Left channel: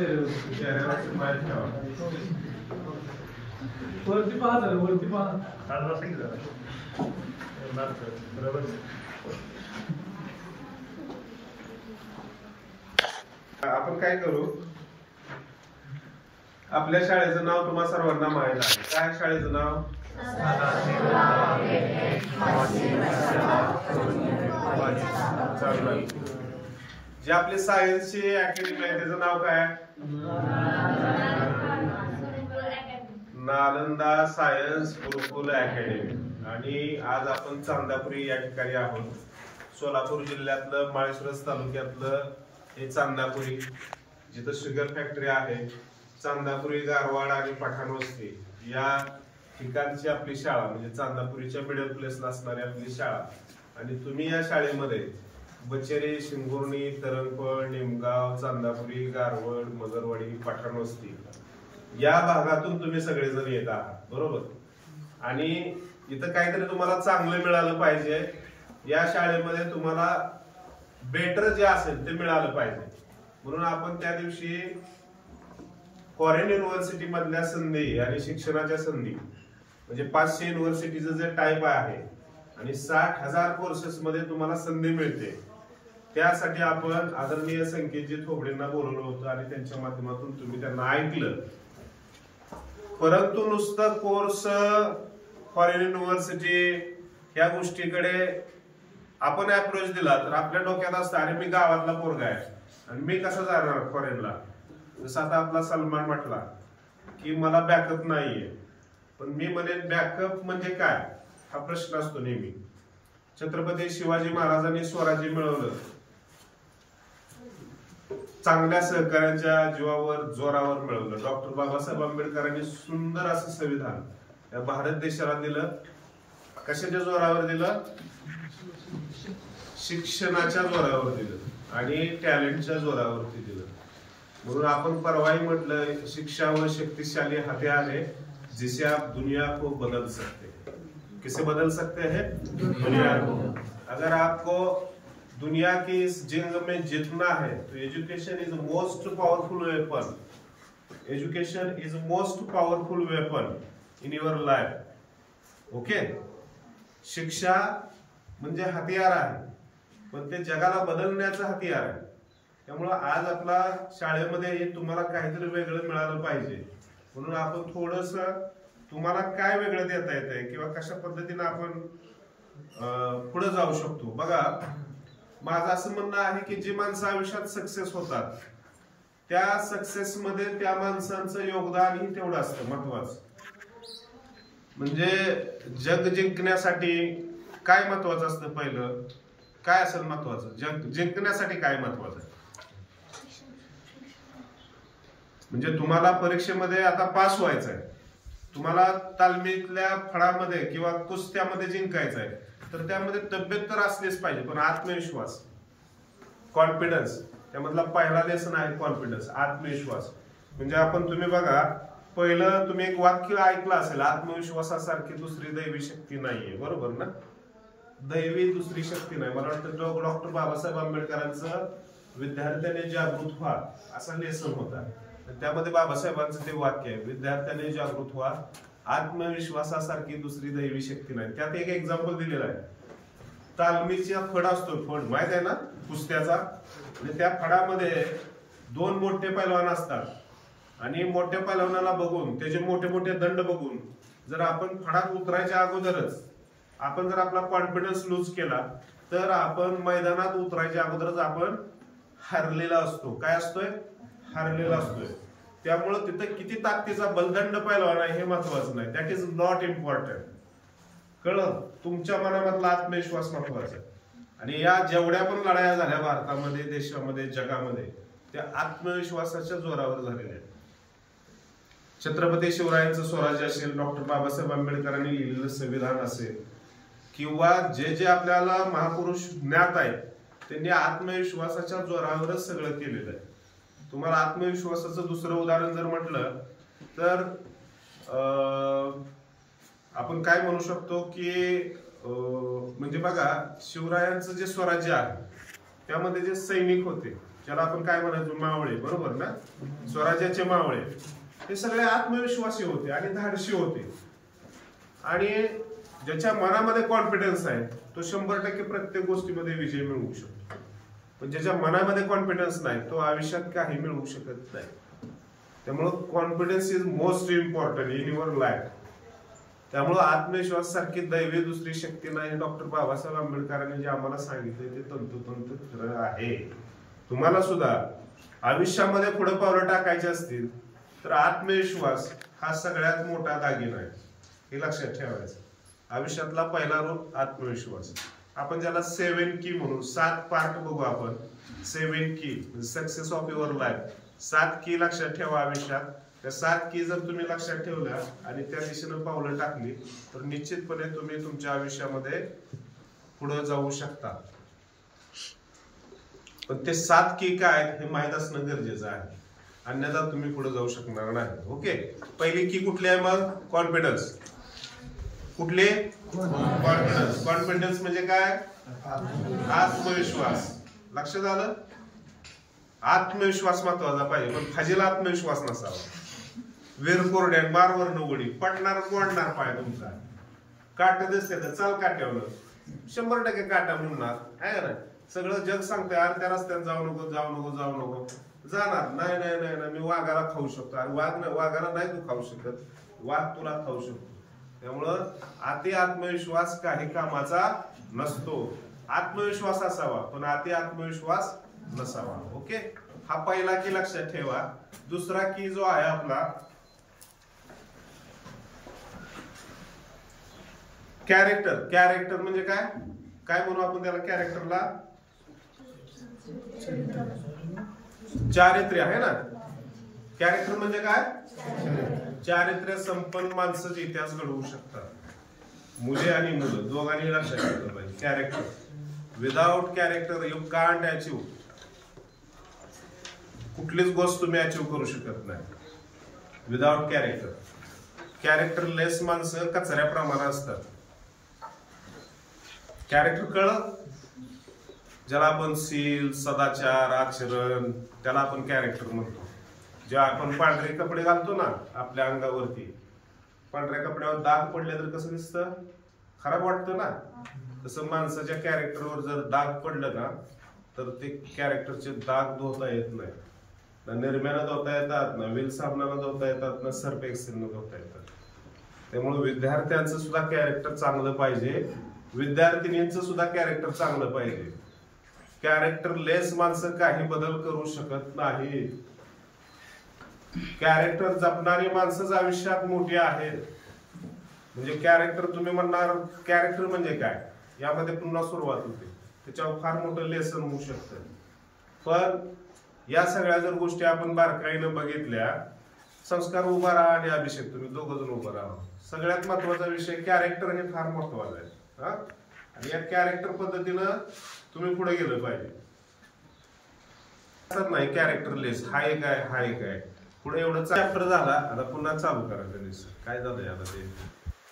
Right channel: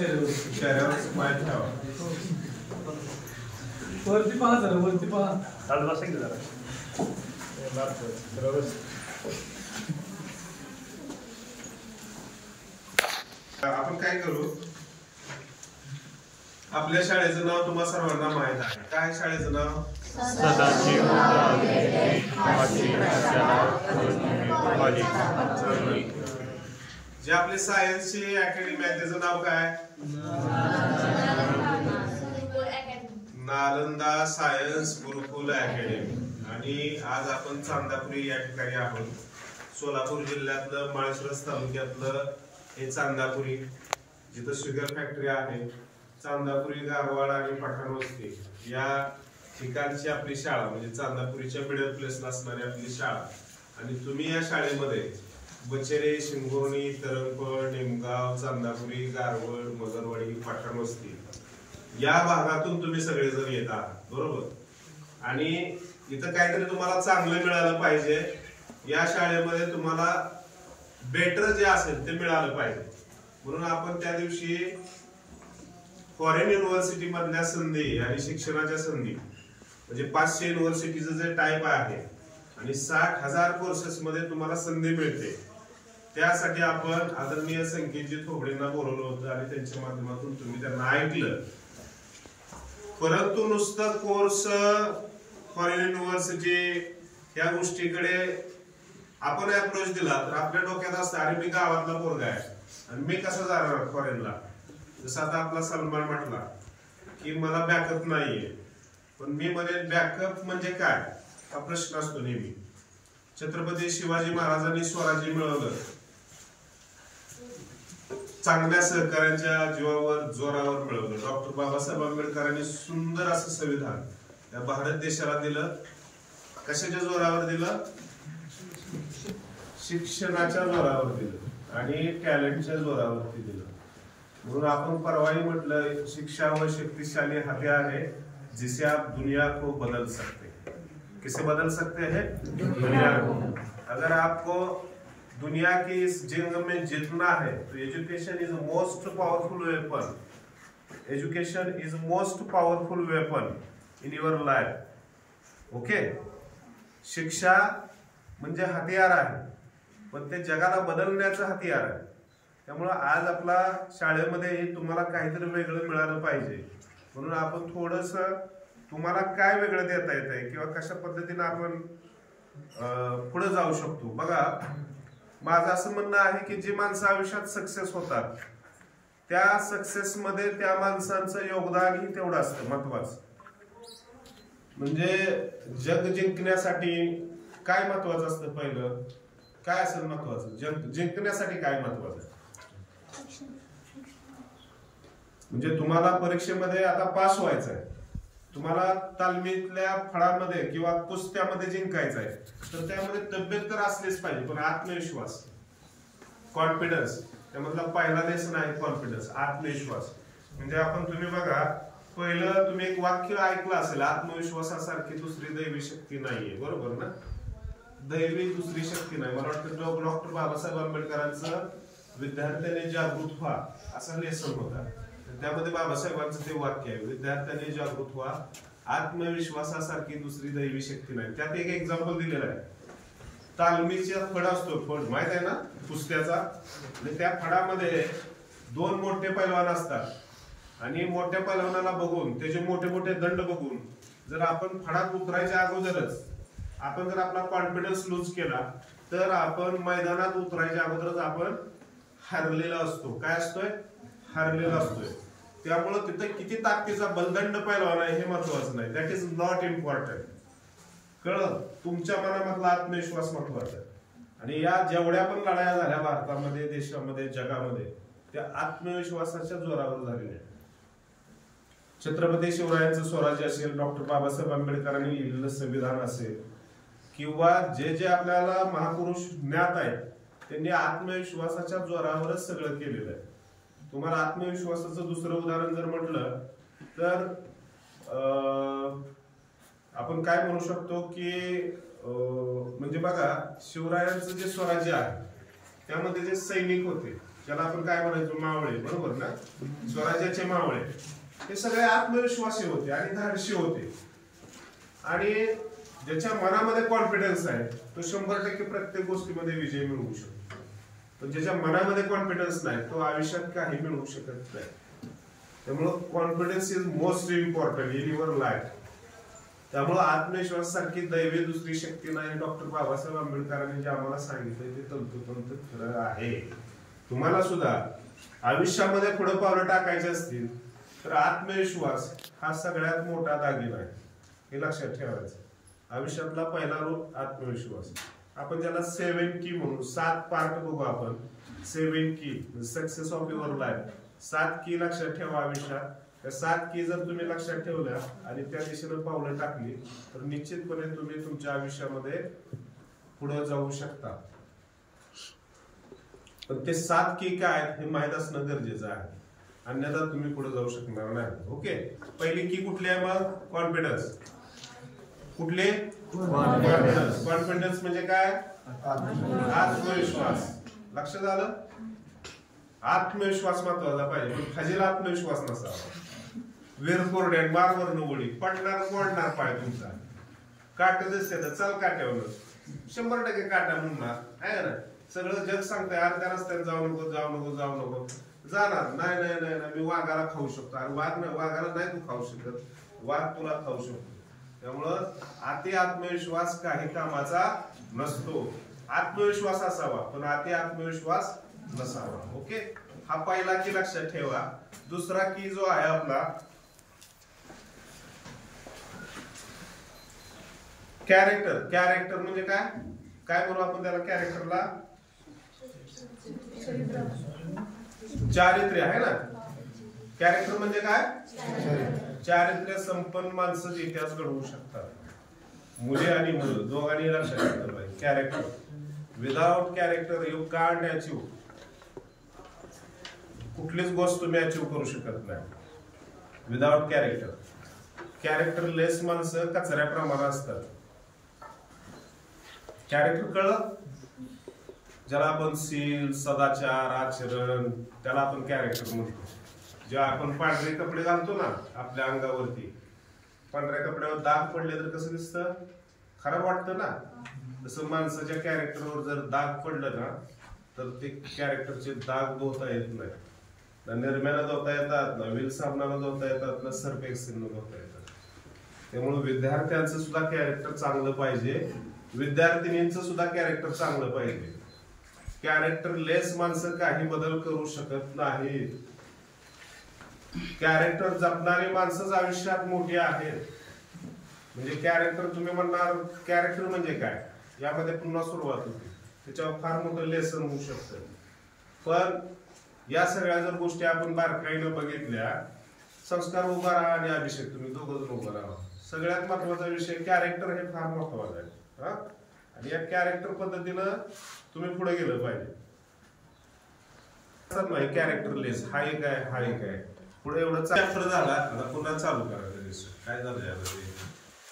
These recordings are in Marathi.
चेहऱ्यावर स्माइल ठेवा. वरती पहा जरा, वरती पहा. आपण काय करू, आपल्या शाळेचं नाव तुम्हा सर्वांना माहित आहे. काय शाळेचं नाव? जे आपले सायन्सची अकॅडमी आहे त्याचं नाव काय? नालंदा सायन्स गुरुकुल अकॅडमी. आणि आज आपण चांदापुरी या ठिकाणी आहोत. सोलापूर जिल्ह्यातलं माळशिरस तालुक्यातलं हे चांदापुरी, जिथं शुगर फॅक्टरी आहे. चांदापुरी, गारवाड आणि पठाणवस्ती या ठिकाणची आपली शाळा, म्हणजे चांदापुरीच्या मिडल प्लेसला असणारी आपली शाळा. आणि तुम्ही या शाळेमध्ये बचेरे, शिंगोर्णी, तरंगपळ, निमगाव, चांदापुरी, गारवड, मगरवाडी, पठाणवस्ती या भागातून तुम्ही सगळेजण येत आहात, बरोबर. आणि इथं काहीतरी तुम्हाला चांगलं मिळालं पाहिजे. या शाळेमध्ये तुम्हाला बेटर जे असेल ते मिळालं पाहिजे. म्हणून आपण त्या दिवशी फॉरेन युनिव्हर्सिटी मधल्या संधी आणि शिक्षणाच्या संधी, म्हणजे 500 युनिव्हर्सिटीचं जे टाईप आहे आणि 60,000 कोर्सेस मध्ये तुम्हाला संधी मिळते, त्यासाठी आपण आदरणीय संकेतजी थोबडेंना बोलवलं होतं आणि त्यांच्या माध्यमातून तुम्ही त्यांना ऐकलं. परंतु नुसतं कोर्स, फॉरेन युनिव्हर्सिटी या गोष्टीकडे आपण अप्रोच दिला तर आपल्या डोक्यात असतं, अरे मी गावातला पोरगा आहे आणि मी कसं जाणार फॉरेनला. जसं आता आपला सलमान म्हटला की मला बॅकअप नाहीये. पण मी म्हणेन बॅकअप म्हणजे काय हा प्रश्न असतो नेहमी. छत्रपती शिवाजी महाराजांनी स्वराज्य मिळवलं चांगल्या सहकार्यांच्या जीवावर, जोरावर मिळवलं. डॉक्टर बाबासाहेब आंबेडकरांनी सुंदर असं संविधान या भारत देशाला दिलं. कशाच्या जोरावर दिलं? शिक्षणाच्या जोरावर दिलं आणि टॅलेंटच्या जोरावरती दिलं. म्हणून आपण परवाही म्हटलं, शिक्षा व शक्तिशाली हथियार है जिसे आप दुनिया को बदल सकते हैं. किसे बदल सकते हैं? दुनिया को. अगर आपको दुनिया की इस जंग में जीतना है तो education is most powerful weapon. Education is most powerful weapon in your life. Okay. शिक्षा म्हणजे हथियार आहे, पण ते जगाला बदलण्याचं हथियार आहे. त्यामुळं आज आपला शाळेमध्ये हे तुम्हाला काहीतरी वेगळं मिळालं पाहिजे. म्हणून आपण थोडस तुम्हाला काय वेगळं देता येत आहे किंवा कशा पद्धतीने आपण पुढे जाऊ शकतो. बघा, माझं असं म्हणणं आहे की जी माणसं आयुष्यात सक्सेस होतात त्या सक्सेस मध्ये त्या माणसांचं योगदानही तेवढं असतं महत्वाचं. म्हणजे जग जिंकण्यासाठी काय महत्वाचं असतं? पहिलं काय असेल महत्वाचं? जग जिंकण्यासाठी काय महत्वाचं आहे? म्हणजे तुम्हाला परीक्षेमध्ये आता पास व्हायचं आहे, तुम्हाला तालमीतल्या फळामध्ये किंवा कुस्त्यामध्ये जिंकायचं आहे, तर त्यामध्ये तब्येत तर असलीच पाहिजे, पण आत्मविश्वास, कॉन्फिडन्स, त्यामधला पहिला लेसन आहे कॉन्फिडन्स, आत्मविश्वास. म्हणजे आपण तुम्ही बघा, पहिलं तुम्ही एक वाक्य ऐकलं असेल, आत्मविश्वासासारखी दुसरी दैवी शक्ती नाहीये, बरोबर ना? दैवी दुसरी शक्ती नाही. मला वाटतं डॉक्टर बाबासाहेब आंबेडकरांचं विद्यार्थ्यांनी जागृत व्हा असा लेसन होता. त्यामध्ये बाबासाहेबांचं ते वाक्य आहे, विद्यार्थ्यांनी जागृत व्हा, आत्मविश्वासासारखी दुसरी दैवी शक्ती नाही. त्यात एक एक्झाम्पल दिलेलं आहे. तालमीचा फड असतो, फड माहित आहे ना, कुस्त्याचा. आणि त्या फडामध्ये 2 मोठे पैलवान असतात आणि मोठ्या पैलवानाला बघून, त्याचे मोठे मोठे दंड बघून, जर आपण फडात उतरायच्या अगोदरच आपण जर आपला कॉन्फिडन्स लूज केला तर आपण मैदानात उतरायच्या अगोदरच आपण हरलेला असतो. काय असतोय? हरलेला असतोय. त्यामुळे तिथे किती ताकदीचा बलदंड पैलवान आहे हे महत्वाचं नाही. That is not important. कळलं? तुमच्या मनामधला आत्मविश्वास महत्वाचा आहे. आणि या जेवढ्या पण लढाया झाल्या भारतामध्ये, देशामध्ये, जगामध्ये, त्या आत्मविश्वासाच्या जोरावर झालेल्या आहेत. छत्रपती शिवरायांचं स्वराज्य असेल, डॉक्टर बाबासाहेब आंबेडकरांनी लिहिलेलं संविधान असेल, किंवा जे जे आपल्याला महापुरुष ज्ञात आहेत, त्यांनी आत्मविश्वासाच्या जोरावरच सगळं केलेलं आहे. तुम्हाला आत्मविश्वासाचं दुसरं उदाहरण जर म्हटलं तर आपण काय म्हणू शकतो की म्हणजे बघा, शिवरायांचं जे स्वराज्य आहे त्यामध्ये जे सैनिक होते त्याला आपण काय म्हणायचो, मावळे, बरोबर ना, स्वराज्याचे मावळे, हे सगळे आत्मविश्वासी होते आणि धाडशी होते. आणि ज्याच्या मनामध्ये कॉन्फिडन्स आहे तो 100% प्रत्येक गोष्टीमध्ये विजय मिळवू शकतो. पण ज्याच्या मनामध्ये कॉन्फिडन्स नाही तो आयुष्यात काही मिळवू शकत नाही. त्यामुळं confidence is most important in your life. त्यामुळं आत्मविश्वास सारखी दैवी दुसरी शक्ती नाही. डॉक्टर बाबासाहेब आंबेडकरांनी जे आम्हाला सांगितलंय ते तंतोतंत खरं आहे. तुम्हाला सुद्धा आयुष्यामध्ये पुढे पावलं टाकायची असतील तर आत्मविश्वास हा सगळ्यात मोठा दागिना आहे, हे लक्षात ठेवायचं. आयुष्यातला पहिला रोल आत्मविश्वास. आपण ज्याला 7 की म्हणून 7 पार्ट बघू आपण. 7 की सक्सेस ऑफ युअर लाईफ. 7 की लक्षात ठेवा आयुष्यात. त्या 7 की जर तुम्ही लक्षात ठेवल्या आणि त्या दिशेनं पावलं टाकली तर निश्चितपणे तुम्ही तुमच्या आयुष्यामध्ये पुढे जाऊ शकता. पण ते 7 की काय आहेत हे माहीत असणं गरजेचं आहे, अन्यथा तुम्ही पुढे जाऊ शकणार नाही. ओके, पहिली की कुठली आहे मग? कॉन्फिडन्स. कुठले? कॉन्फिडन्स. कॉन्फिडन्स म्हणजे काय? आत्मविश्वास. लक्षात आलं? आत्मविश्वास महत्वाचा पाहिजे, पण फाजील आत्मविश्वास नसावा. वीरकोरड्या मारवर उडी पटणार मोडणार पाय तुमचा. काट दिसते तर चल काट्यावर 100% काटा म्हणणार आहे ना. सगळं जग सांगतंय अरे त्या रस्त्याने जाऊ नको जाऊ नको जाऊ नको. जाणार नाही नाही नाही नाही मी वाघाला खाऊ शकतो. अरे वाघाला नाही तू खाऊ शकत, वाघ तुला खाऊ शकतो. त्यामुळं अति आत्मविश्वास काही कामाचा नसतो. आत्मविश्वास असावा पण अति आत्मविश्वास नसावा. ओके, हा पहिला की लक्षात ठेवा. दुसरा की जो आहे आपला कॅरेक्टर. कॅरेक्टर म्हणजे काय? काय म्हणू आपण त्याला? कॅरेक्टरला चारित्र्य आहे ना. कॅरेक्टर म्हणजे काय? चारित्र्य संपन्न माणसाचे इतिहास घडवू शकतात. मुले आणि मुलं दोघांनी लक्षात ठेवलं पाहिजे. Character, without character you can't achieve. कुठलीच गोष्ट तुम्ही अचीव करू शकत नाही विदाउट कॅरेक्टर. कॅरेक्टरलेस माणसं कचऱ्याप्रमाणे असतात. कॅरेक्टर कळलं? ज्याला आपण शील, सदाचार, आचरण त्याला आपण कॅरेक्टर म्हणतो. जेव्हा आपण पांढरे कपडे घालतो ना आपल्या अंगावरती, पांढऱ्या कपड्यावर दाग पडले तर कसं दिसतं? खराब वाटतं ना. तसं माणसाच्या कॅरेक्टरवर जर दाग पडलं ना तर ते कॅरेक्टरचे दाग धुता येत नाही. ना निर्म्यानं धुता येतात, ना व्हील साबणानं धुता येतात, ना सर्फ एक्सेलनं धुता येतात. त्यामुळे विद्यार्थ्यांचं सुद्धा कॅरेक्टर चांगलं पाहिजे, विद्यार्थिनींचं सुद्धा कॅरेक्टर चांगलं पाहिजे. कॅरेक्टरलेस माणसं काही बदल करू शकत नाही. कॅरेक्टर जपणारी माणसंच आयुष्यात मोठी आहेत. म्हणजे कॅरेक्टर तुम्ही म्हणणार कॅरेक्टर म्हणजे काय, यामध्ये पुन्हा सुरुवात होते. त्याच्यावर फार मोठं लेसन होऊ शकतं. पण या सगळ्या जर गोष्टी आपण बारकाईनं बघितल्या, संस्कार उभा राहा आणि अभिषेक तुम्ही दोघं जण उभं राहा. सगळ्यात महत्वाचा विषय कॅरेक्टर हे फार महत्वाचं आहे. आणि या कॅरेक्टर पद्धतीनं तुम्ही पुढे गेलं पाहिजे. नाही कॅरेक्टरलेस हा एक आहे, हा एक आहे. पुढे एवढं चॅप्टर झाला, आता पुन्हा चालू करायचं. काय झालं आता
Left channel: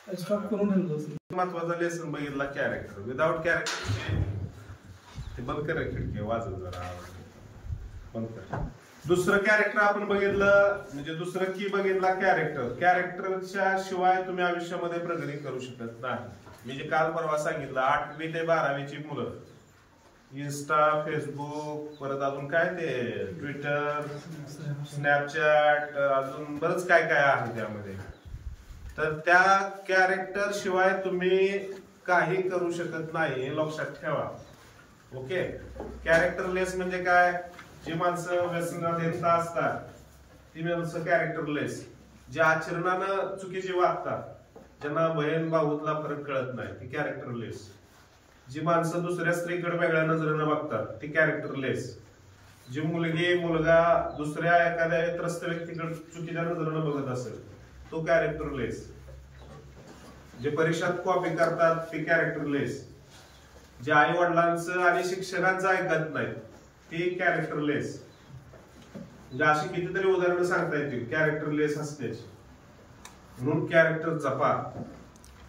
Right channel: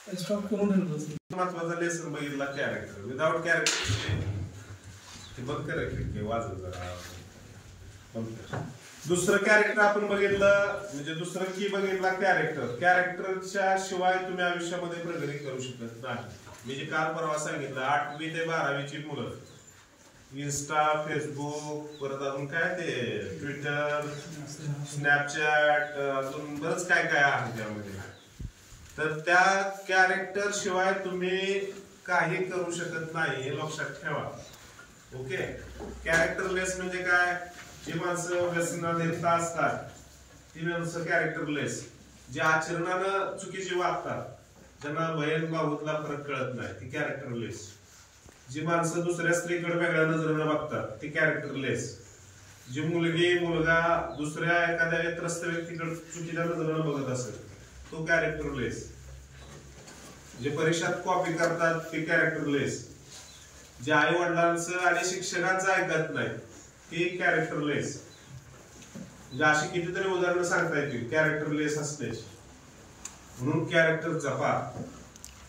ते स्टॉप करून महत्वाचा लेसन बघितला कॅरेक्टर. विदाउट कॅरेक्टर ते बंद करा, खिडकी वाजत जरा बंद कर. दुसरं कॅरेक्टर आपण बघितलं म्हणजे दुसरं की बघितला कॅरेक्टर. कॅरेक्टरच्या शिवाय तुम्ही आयुष्यामध्ये प्रगती करू शकत नाही. मी जे काल परवा सांगितलं 8वी ते 12वीची मुलं इन्स्टा, फेसबुक, परत अजून काय ते ट्विटर, स्नॅपचॅट, अजून बरंच काय काय आहे त्यामध्ये. तर त्या कॅरेक्टर शिवाय तुम्ही काही करू शकत नाही हे लक्षात ठेवा. ओके, कॅरेक्टरलेस म्हणजे काय? जी माणसं व्यसनाधीनता असतात ती माणसं कॅरेक्टरलेस. जे आचरणानं चुकीची वागतात, ज्यांना बहीण भाऊतला फरक कळत नाही, ती कॅरेक्टरलेस. जी माणसं दुसऱ्या स्त्रीकडे वेगळ्या नजरेनं बघतात ती कॅरेक्टरलेस. जी मुलगी मुलगा दुसऱ्या एखाद्या त्रस्त व्यक्तीकडे चुकीच्या नजरेनं बघत असेल तो कॅरेक्टरलेस. जे परीक्षात कॉपी करतात ती कॅरेक्टरलेस. जे आई वडिलांचं आणि शिक्षकांचं ऐकत नाही ती कॅरेक्टरलेस. म्हणजे अशी कितीतरी उदाहरणं सांगता येतील कॅरेक्टरलेस असण्याची. म्हणून कॅरेक्टर जपा.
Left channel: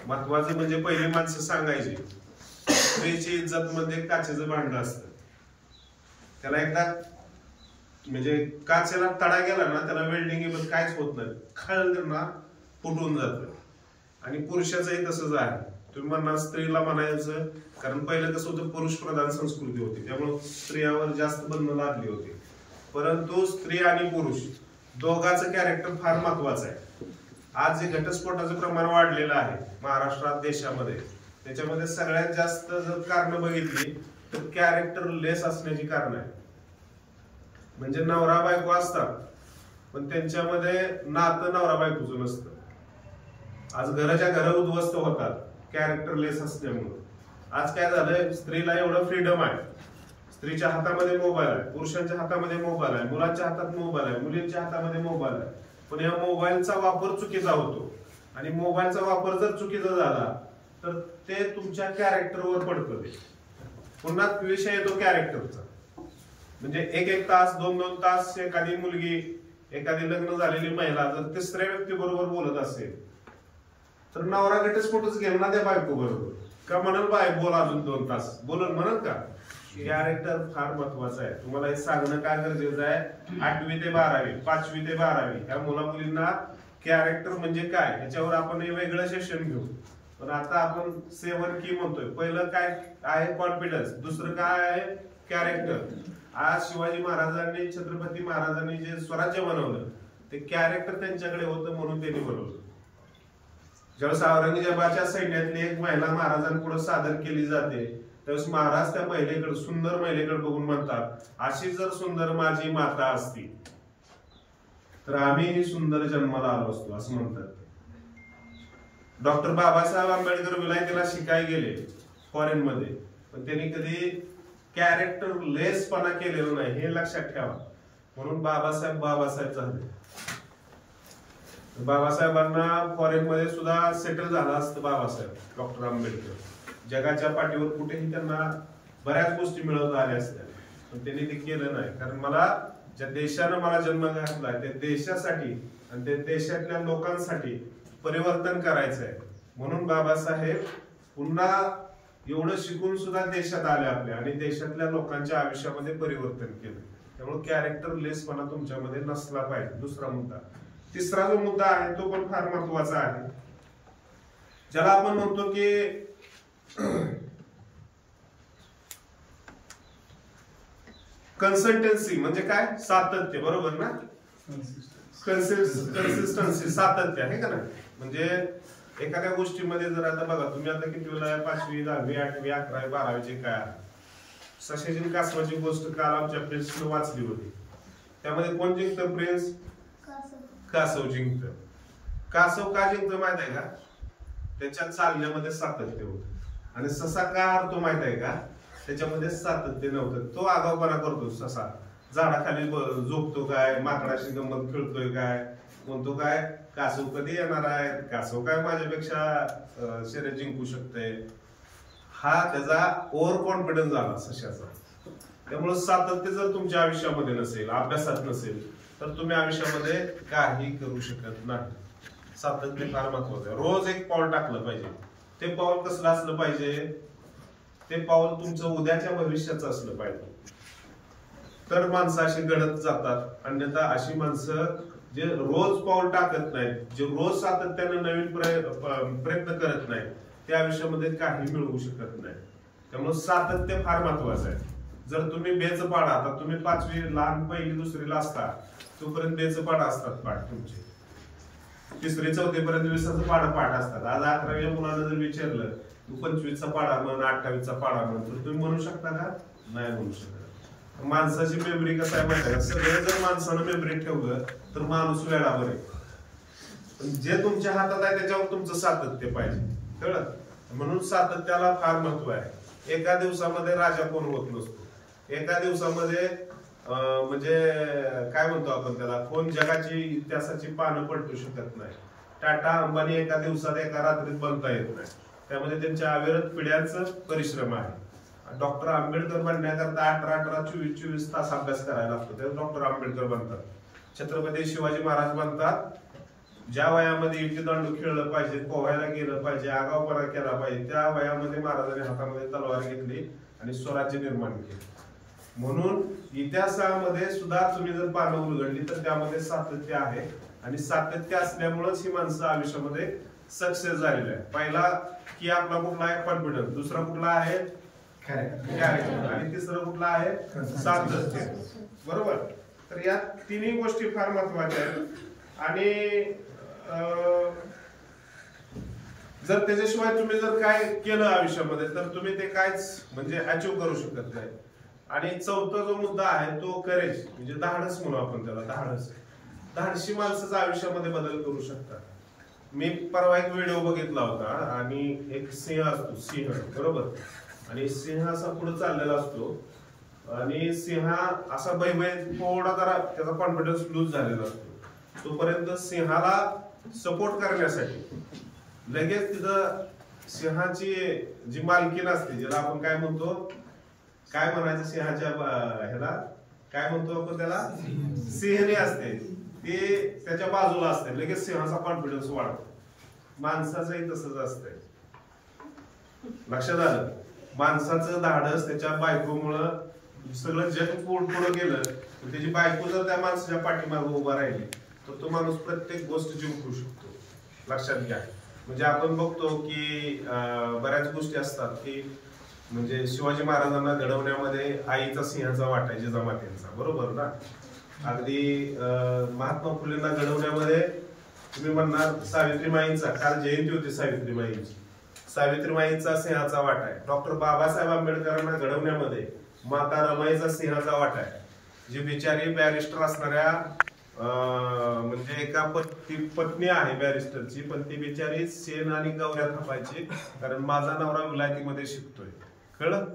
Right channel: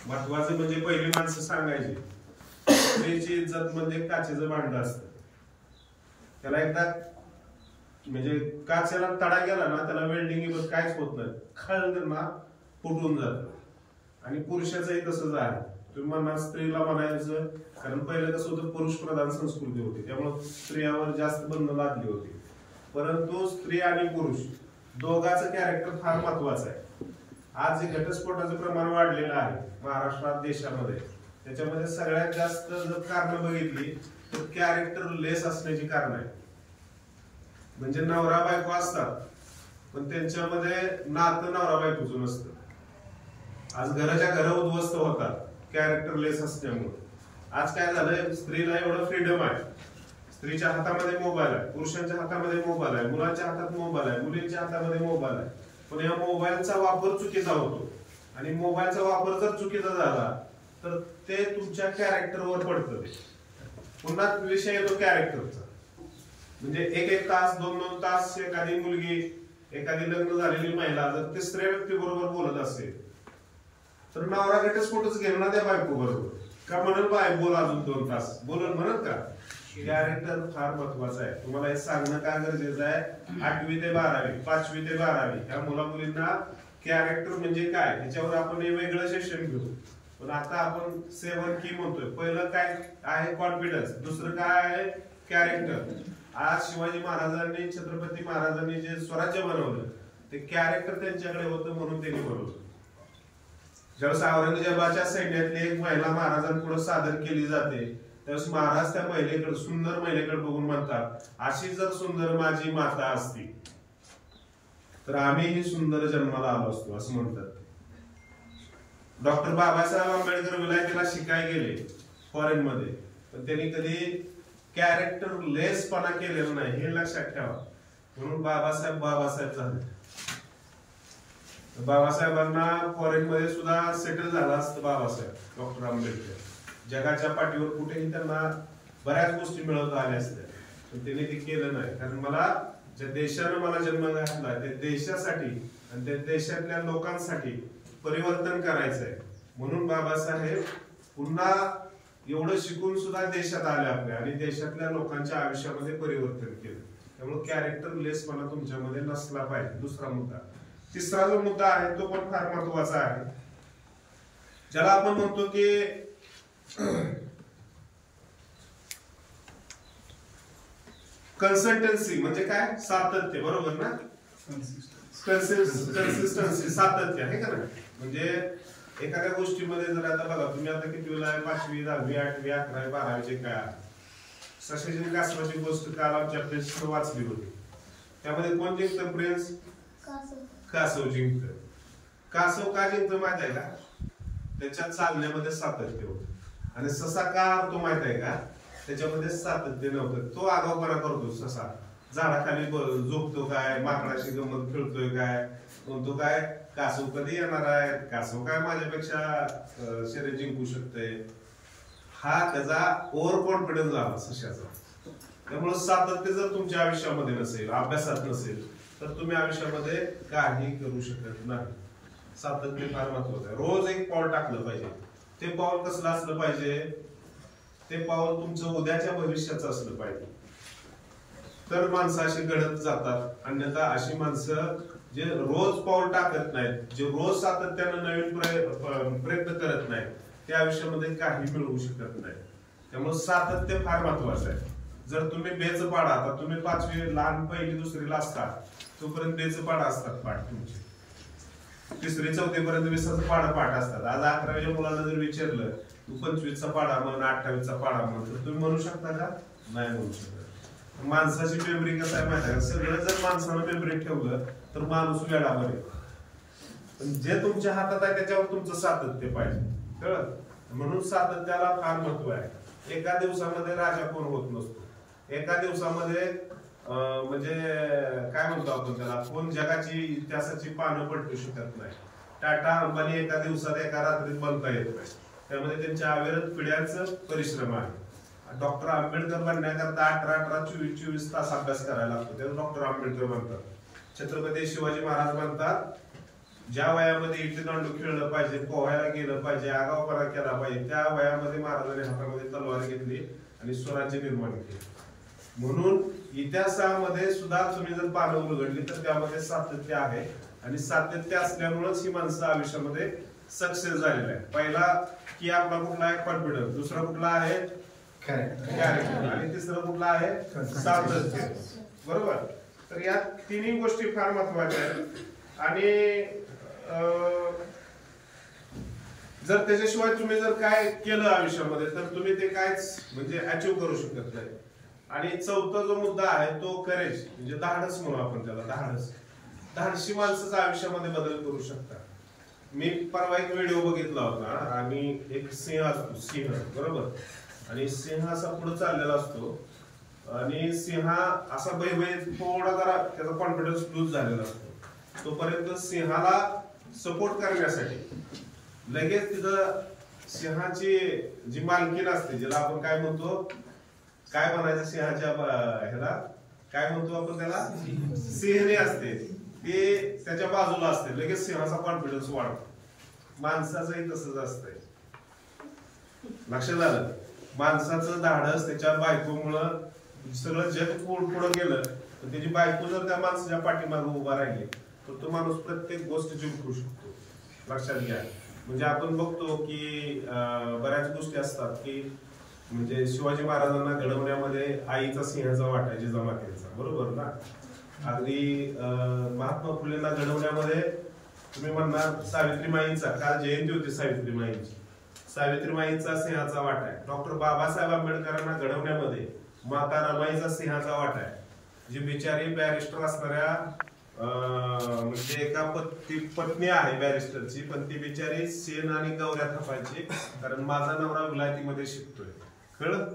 महत्वाचं म्हणजे पहिली माणसं सांगायची स्त्रीची इज्जत म्हणजे काचेचं भांड असतं. त्याला एकदा म्हणजे काचेला तडा गेला ना त्याला वेल्डिंग काहीच होत नाही, खळ ना फुटून जातं. आणि पुरुषाचंही तसंच आहे. तुम्ही म्हणा स्त्रीला म्हणायचं, कारण पहिलं कसं होतं पुरुष प्रधान संस्कृती होती, त्यामुळे स्त्रियावर जास्त बंधनं लादली होती. परंतु स्त्री आणि पुरुष दोघांचं कॅरेक्टर फार महत्वाचं आहे. आज जे घटस्फोटाचं प्रमाण वाढलेलं आहे महाराष्ट्रात देशामध्ये, त्याच्यामध्ये सगळ्यात जास्त जर कारण बघितली तर कॅरेक्टर लेस असण्याची कारण आहे. म्हणजे नवरा बायको असतात पण त्यांच्यामध्ये नातं नवरा बायकोचं नसतं. आज घराच्या घर उद्ध्वस्त होतात कॅरेक्टर लेस असल्यामुळे. आज काय झालंय, स्त्रीला एवढं फ्रीडम आहे, स्त्रीच्या हातामध्ये मोबाईल आहे, पुरुषांच्या हातामध्ये मोबाईल आहे, मुलांच्या हातात मोबाईल आहे, मुलींच्या हातामध्ये मोबाईल आहे. पण या मोबाईलचा वापर चुकीचा होतो आणि मोबाईलचा वापर जर चुकीचा झाला तर ते तुमच्या कॅरेक्टरवर पडतं. ते पुन्हा विषय येतो कॅरेक्टरचा. म्हणजे एक तास 2 तास एखादी मुलगी, एखादी लग्न झालेली महिला जर तिसऱ्या व्यक्ती बरोबर बोलत असेल तर नवरा घटस्फोटच घेईल ना त्या बायको बरोबर. का म्हणल बाय बोल अजून 2 तास बोलल म्हणल का? कॅरेक्टर फार महत्वाचं आहे. तुम्हाला हे सांगणं काय गरजेचं आहे, 8वी ते 12वी 5वी ते 12वी ह्या मुला मुलींना कॅरेक्टर म्हणजे काय ह्याच्यावर आपण हे वेगळं सेशन घेऊ. पण आता आपण 7 की म्हणतोय. पहिलं काय आहे, कॉन्फिडन्स. दुसरं काय आहे, कॅरेक्टर. आज शिवाजी महाराजांनी, छत्रपती महाराजांनी जे स्वराज्य बनवलं ते कॅरेक्टर त्यांच्याकडे होतं म्हणून त्यांनी बनवलं. ज्यावेळेस औरंगजेबाच्या सैन्यातली एक महिला महाराजांपुढे सादर केली जाते त्यावेळेस महाराज त्या महिलेकडे, सुंदर महिलेकडे बघून म्हणतात, अशी जर सुंदर माझी माता असती तर आम्हीही सुंदर जन्माला आलो असतो, असं म्हणतात. डॉक्टर बाबासाहेब आंबेडकर विलायतेला शिकाय गेले फॉरेन मध्ये, पण त्यांनी कधी कॅरेक्टर लेसपणा केलेला नाही, हे लक्षात ठेवा. म्हणून बाबासाहेब झाले. बाबासाहेबांना फॉरेन मध्ये सुद्धा सेटल झाला असतं बाबासाहेब डॉक्टर आंबेडकर. जगाच्या पाठीवर कुठेही त्यांना बऱ्याच गोष्टी मिळवता आल्या असत्या, पण त्यांनी ते केलं नाही. कारण मला ज्या देशानं मला जन्म घातला त्या देशासाठी आणि त्या देशातल्या लोकांसाठी परिवर्तन करायचं आहे. म्हणून बाबासाहेब पुन्हा एवढं शिकून सुद्धा देशात आले आपल्या आणि देशातल्या लोकांच्या आयुष्यामध्ये परिवर्तन केलं. त्यामुळे कॅरेक्टर लेसपणा तुमच्यामध्ये नसला पाहिजे. दुसरा मुद्दा. तिसरा जो मुद्दा आहे तो पण फार महत्वाचा आहे, ज्याला आपण म्हणतो की कन्सिस्टन्सी. म्हणजे काय, सातत्य. बरोबर ना? कन्सिस्टन्सी, सातत्य आहे का नाही? म्हणजे एखाद्या गोष्टीमध्ये जर आता बघा तुम्ही आता कितवीला आहे, 5वी 10वी 8वी 11वी 12वीचे काय, सशाजीन कासवाची गोष्ट काल आमच्या प्रिन्सनं वाचली होती. त्यामध्ये कोण जिंकतं? प्रिन्स कासव जिंकतं. कासव का जिंकतं माहित आहे का? त्याच्या चालण्यामध्ये सातत्य होतं. आणि ससा का हारतो माहित आहे का? त्याच्यामध्ये सातत्य नव्हतं. तो आगाऊपणा करतो ससा, झाडाखाली झोपतो काय, माकडाशी गंमत खेळतोय काय, म्हणतो काय कासव कधी येणार आहे, कासव काय माझ्यापेक्षा शर्यत जिंकू शकते. हा त्याचा ओव्हर कॉन्फिडन्स झाला सशाचा. त्यामुळे सातत्य जर तुमच्या आयुष्यामध्ये नसेल, अभ्यासात नसेल तर तुम्ही आयुष्यामध्ये काही करू शकत नाही. सातत्य फार महत्वाचं आहे. रोज एक पाऊल टाकलं पाहिजे. ते पाऊल कसलं असलं पाहिजे? ते पाऊल तुमचं उद्याच्या भविष्याचं असलं पाहिजे. तर माणसं अशी घडत जातात. अन्यथा अशी माणसं जे रोज पाऊल टाकत नाहीत, जे रोज सातत्यानं नवीन प्रयत्न करत नाहीत, त्या आयुष्यामध्ये काही मिळवू शकत नाही. त्यामुळे सातत्य फार महत्वाचं आहे. जर तुम्ही बेच पाडा, आता तुम्ही 5वी लहान 1ली 2रीला असता तोपर्यंत बेच पाडा असतात पाठ तुमचे. 3री 4थी पर्यंत 20चा पाडा पाठ असतात. आज 11वीच्या मुलांना जर विचारलं तू 25चा पाडा म्हण, 28चा पाडा म्हण, तर तुम्ही म्हणू शकता का? नाही म्हणू शकत. माणसाची मेमरी कसं आहे माहिती आहे? सगळं जर माणसानं मेमरी ठेवलं तर माणूस वेळा बरे. पण जे तुमच्या हातात आहे त्याच्यावर तुमचं सातत्य पाहिजे. कळलं? म्हणून सातत्याला फार महत्व आहे. एका दिवसामध्ये राजा कोण होत नसतो. एका दिवसामध्ये म्हणजे काय म्हणतो आपण त्याला, कोण जगाची इतिहासाची पानं पलटू शकत नाही. टाटा अंबानी एका दिवसात एका रात्रीत बनता येत नाही. त्यामध्ये त्यांच्या अविरत पिढ्यांचं परिश्रम आहे. डॉक्टर आंबेडकर बनण्याकरता 18 24 तास अभ्यास करायला लागतो, ते डॉक्टर आंबेडकर बनतात. छत्रपती शिवाजी महाराज बनतात ज्या वयामध्ये इटी दांडू खेळलं पाहिजे, पोहायला गेलं पाहिजे, आगाऊपणा केला पाहिजे, त्या वयामध्ये महाराजांनी हातामध्ये तलवार घेतली आणि स्वराज्य निर्माण केले. म्हणून इतिहासामध्ये सुद्धा तुम्ही जर पानं उलगडली तर त्यामध्ये सातत्य आहे आणि सातत्य असल्यामुळेच ही माणसं आयुष्यामध्ये सक्सेस झालेली आहे. पहिला की आपला कुठला आहे कॉन्फिडन्स, दुसरा कुठला आहे कॅरेक्टर आणि तिसरं कुठला आहे सातत्य. बरोबर. तर या तिन्ही गोष्टी फार महत्वाच्या आहेत आणि जर त्याच्याशिवाय तुम्ही जर काय केलं आयुष्यामध्ये तर तुम्ही ते कायच म्हणजे अचीव करू शकत नाही. आणि चौथा जो मुद्दा आहे तो करेज म्हणजे धाडस म्हणू आपण त्याला. धाडसी माणसाचं आयुष्यामध्ये बदल करू शकतात. मी परवा एक व्हिडिओ बघितला होता आणि एक सिंह असतो, सिंह बरोबर, आणि सिंह असा पुढे चाललेला असतो आणि सिंह असा बैबय थोडा जरा त्याचा कॉन्फिडन्स लूज झालेला असतो. तोपर्यंत सिंहाला सपोर्ट करण्यासाठी लगेच तिथं सिंहाची जी मालकीण असते, ज्याला आपण काय म्हणतो, काय म्हणायचं सिंहाच्या ह्याला काय म्हणतो आपण त्याला, सिंहणी असते, ते त्याच्या बाजूला असते. लगेच सिंहाचा कॉन्फिडन्स वाढतो. माणसाचंही तसंच असतंय. लक्षात आलं. माणसाचं धाडस त्याच्या बायकोमुळं सगळं जग पुढं गेलं, पण त्याची बायको जर त्या माणसाच्या पाठीमागे उभा राहिली तर तो माणूस प्रत्येक गोष्ट जिंकू शकतो. लक्षात घ्या. म्हणजे आपण बघतो की बऱ्याच गोष्टी असतात की म्हणजे शिवाजी महाराजांना घडवण्यामध्ये आईचा सिंहाचा वाटा आहे, जिजामातेचा, बरोबर ना. अगदी महात्मा फुलेंना घडवण्यामध्ये तुम्ही म्हणणार सावित्रीमाईंचा, काल जयंती होती सावित्रीमाईंची, सावित्रीमाईंचा सिंहाचा वाटा आहे. डॉक्टर बाबासाहेब आंबेडकरांना घडवण्यामध्ये माता रमाईचा सिंहाचा वाटा आहे. जी बिचारी बॅरिस्टर असणाऱ्या म्हणजे एका पत्नी आहे बॅरिस्टरची, पण ती बिचारी शेण आणि गवऱ्या थापायची, कारण माझा नवरा विलायतीमध्ये शिकतोय. कळलं.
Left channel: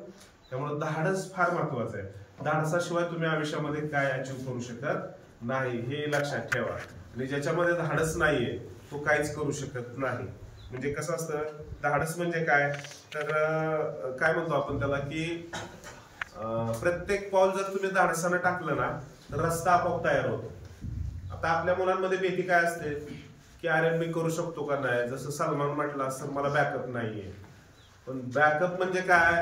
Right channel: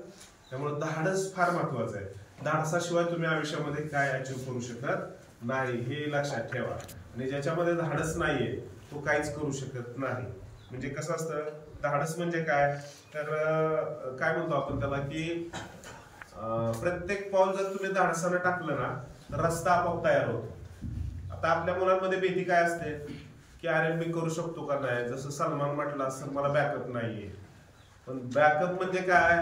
त्यामुळे धाडस फार महत्वाचं आहे. धाडसाशिवाय तुम्ही आयुष्यामध्ये काय अचीव करू शकत नाही, हे लक्षात ठेवा. आणि ज्याच्यामध्ये धाडस नाहीये तो काहीच करू शकत नाही. म्हणजे कसं असतं, धाडस म्हणजे काय, तर काय म्हणतो आपण त्याला की प्रत्येक पाऊल जर तुम्ही धाडसानं टाकलं ना तर रस्ता आपोआप तयार होतो. आता आपल्या मुलांमध्ये भीती काय असते की अरे मी करू शकतो का नाही. जसं सलमान म्हटलं सर मला बॅकअप नाहीये. पण बॅकअप म्हणजे काय,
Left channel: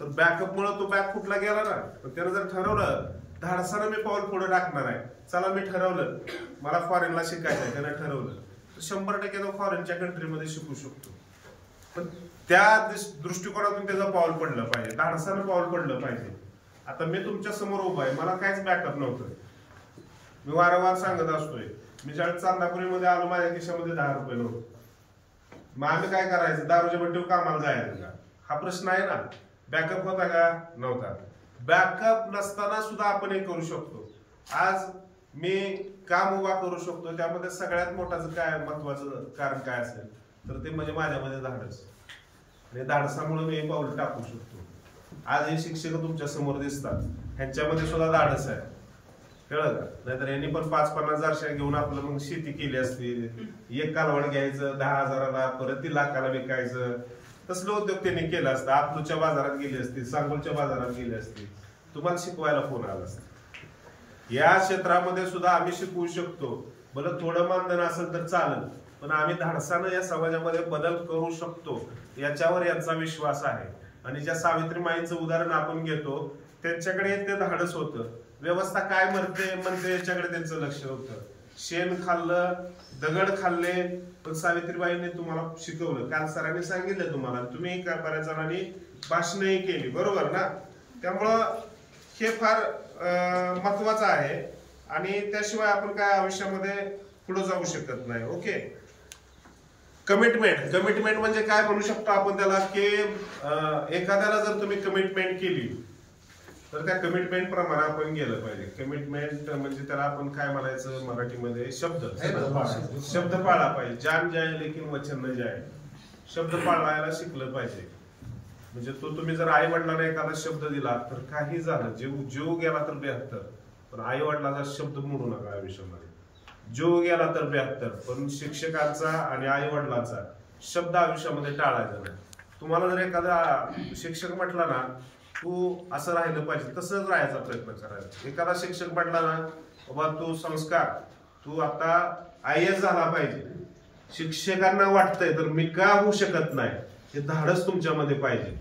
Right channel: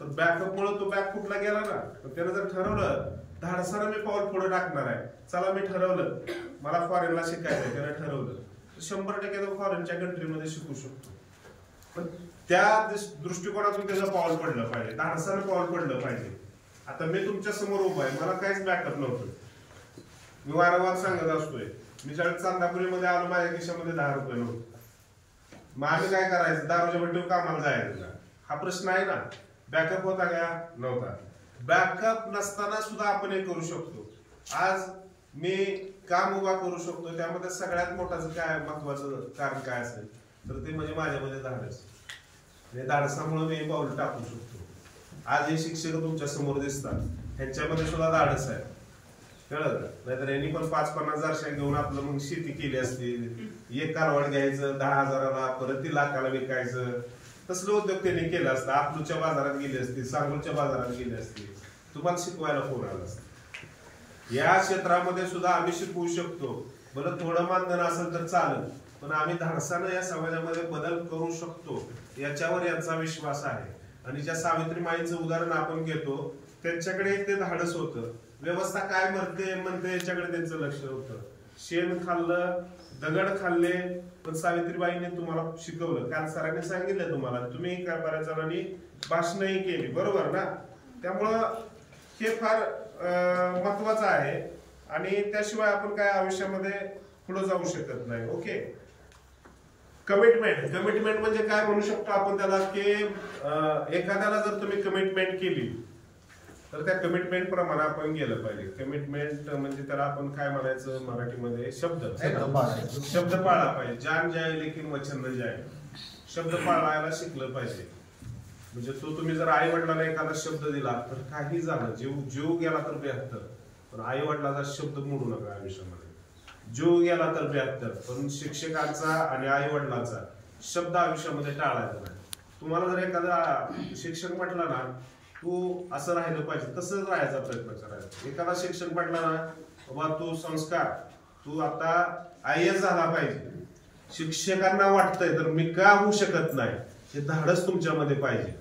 तर बॅकअप मुळे तो बॅक कुठला गेला ना. पण त्यानं जर ठरवलं धाडसानं मी पाऊल पुढे टाकणार आहे, चला मी ठरवलं मला फॉरेनला शिकायचं आहे, त्यानं ठरवलं तर 100% तो फॉरेनच्या कंट्रीमध्ये शिकू शकतो. पण त्या दृष्टिकोनातून त्याचं पाऊल पडलं पाहिजे, धाडसानं पाऊल पडलं पाहिजे. आता मी तुमच्या समोर उभा आहे, मला काहीच बॅकअप नव्हतं. मी वारंवार सांगत असतोय, मी ज्यावेळेस चांदापुरीमध्ये आलो माझ्या खिशामध्ये 10 रुपये नव्हते. मग आम्ही काय करायचं, दारूच्या बट्टीवर कामाला जायचं का, हा प्रश्न आहे ना. बॅकअप होता का, नव्हता. बॅकअप नसताना सुद्धा आपण हे करू शकतो. आज मी काम उभा करू शकतो, त्यामध्ये सगळ्यात मोठाचं काय महत्वाचं कारण काय असेल तर ते म्हणजे माझ्यामध्ये धाडस. आणि धाडसामुळे मी हे पाऊल टाकू शकतो. आज हे शिक्षक तुमच्या समोर दिसतात, ह्यांच्यामध्ये सुद्धा धाडस आहे. कळलं का. नाहीतर यांनी पण 5-50 हजार घेऊन आपलं मग शेती केली असती. एक कालवड घ्यायचं 10,000ला, परत ती लाखाला विकायचं, तसलं उद्योग त्यांनी केलं असतं. आपलूच्या बाजारात गेली असती, सांगोलच्या बाजारात गेली असती, तुम्हाला शिकवायला फोन आला असता. या क्षेत्रामध्ये सुद्धा आम्ही शिकवू शकतो. भलं थोडं मानधन असेल तर चालेल, पण आम्ही धाडसानं या समाजामध्ये बदल करू शकतो, याच्यावर यांचा विश्वास आहे. आणि ज्या सावित्रीमाईंचं उदाहरण आपण घेतो, त्यांच्याकडे ते धाडस होतं. व्यवस्था काय म्हणते याच्याकडे त्यांचं लक्ष होतं. शेण खाल्लं, दगड खाल्ले, पण सावित्रीबाईंनी तुम्हाला शिकवलं. काल सरांनी सांगितलं तुम्हाला, तुम्ही बऱ्याच जणांनी भाषणही केली, बरोबर ना. त्यामुळं हे फार महत्वाचं आहे. आणि त्याशिवाय आपण काय आयुष्यामध्ये पुढे जाऊ शकत नाही. ओके. कमिटमेंट म्हणजे काय म्हणू शकतो आपण त्याला की एखाद्याला जर तुम्ही कमिटमेंट केली तर त्या कमिटमेंट प्रमाणे आपण गेलं पाहिजे. कमिटमेंट म्हणजे त्याला आपण काय म्हणायचं मराठीमध्ये, शब्द आहे ना. शब्द पाळला पाहिजे. जान जाय लेकिन वचन न जाय. शब्द पाळायला शिकलं पाहिजे. म्हणजे तुम्ही जर आई वडिलांना एखादा शब्द दिला तर काही झालं, जीव गेला तर 72, पण आई वडिलाचा शब्द मोडू नका आयुष्यामध्ये. जीव गेला तर 72, पण शिक्षकांचा आणि आई वडिलांचा शब्द आयुष्यामध्ये टाळायचा नाही. तुम्हाला जर एखादा शिक्षक म्हटला ना तू असं राहिलं पाहिजे, तसंच राहायचा प्रयत्न करायचा. एखादा शिक्षक म्हटला ना बाबा तू संस्कार, तू आता IAS झाला पाहिजे, शिक्षकांना वाटतंय तर मी का होऊ शकत नाही, हे धाडस तुमच्यामध्ये पाहिजे.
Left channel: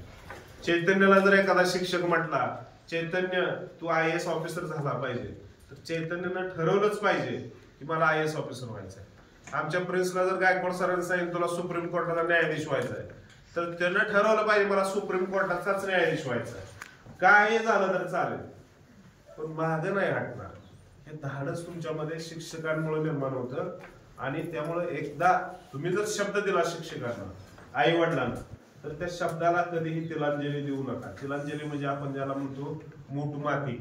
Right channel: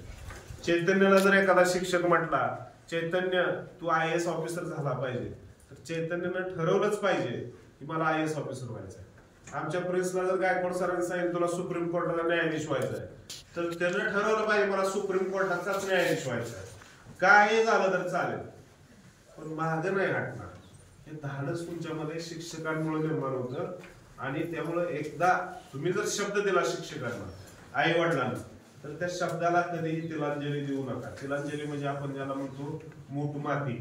चैतन्याला जर एखादा शिक्षक म्हटला चैतन्य तू IAS ऑफिसर झाला पाहिजे, तर चैतन्यनं ठरवलंच पाहिजे की मला IAS ऑफिसर व्हायचंय. आमच्या प्रिन्सला जर गायकवाड सरांनी सांगितलं तुला सुप्रीम कोर्टाचा न्यायाधीश व्हायचंय, तर त्यानं ठरवलं पाहिजे मला सुप्रीम कोर्टाचाच न्यायाधीश व्हायचा. काय झालं तर चालेल, पण मागं नाही हटणार. हे धाडस तुमच्यामध्ये शिक्षकांमुळे निर्माण होतं. आणि त्यामुळे एकदा तुम्ही जर शब्द दिला शिक्षकांना, आई वडिलांना, तर त्या शब्दाला कधीही तिलांजली देऊ नका. तिलांजली म्हणजे आपण ज्याला म्हणतो मूठ माती,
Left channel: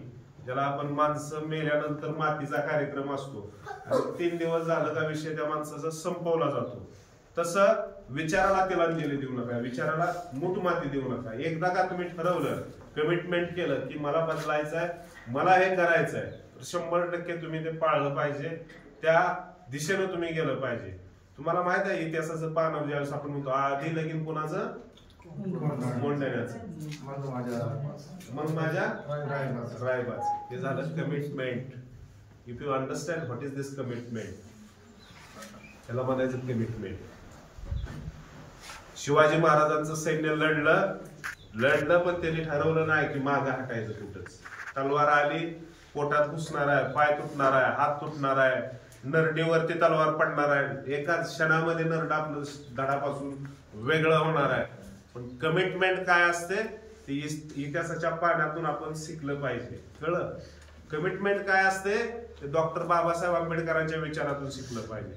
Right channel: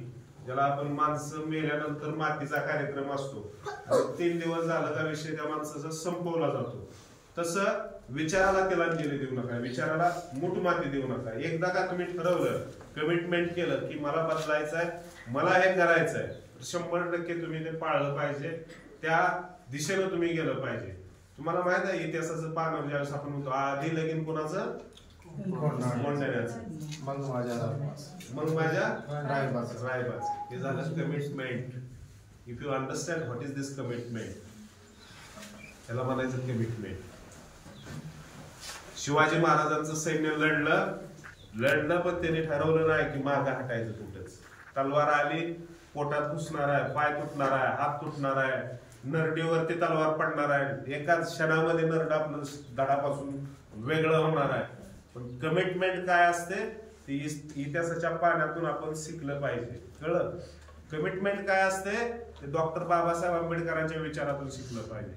ज्याला आपण माणसं मेल्यानंतर मातीचा कार्यक्रम असतो आणि 3 दिवस झालं का विषय त्या माणसाचा संपवला जातो. तसं विचाराला तिलांजली देऊ नका, विचाराला मूठ माती देऊ नका. एकदा का तुम्ही ठरवलं, कमिटमेंट केलं की मला बदलायचंय, मला हे करायचंय, तर 100% तुम्ही ते पाळलं पाहिजे. त्या दिशेनं तुम्ही गेलं पाहिजे. तुम्हाला माहित आहे इतिहासाचं पानावर ज्यावेळेस आपण म्हणतो आधी लगीन कोणाचं, कोंढाण्याचं, मग माझ्या रायबाच. हे झालं commitment. If you understand what is this commitment, त्याला म्हणायचं कमिटमेंट. शिवाजी महाराजांचं सैन्य लढलं पण त्यांनी ठरवलं नाही की मागं हटायचं कुठंच. तलवार आली, पोटात घुसणार आहे, पाय तुटणार आहे, हात तुटणार आहे, नरडीवरती तलवार पडणार आहे, एकाच क्षणामध्ये नरड आपलं धडापासून वेगळं होणार आहे. पण कमिटमेंट काय असते ते इतिहासाच्या पाण्यातून आपण शिकलं पाहिजे. कळलं? कमिटमेंट काय असते ते डॉक्टर बाबासाहेब आंबेडकरांच्या विचारातून शिकलं पाहिजे.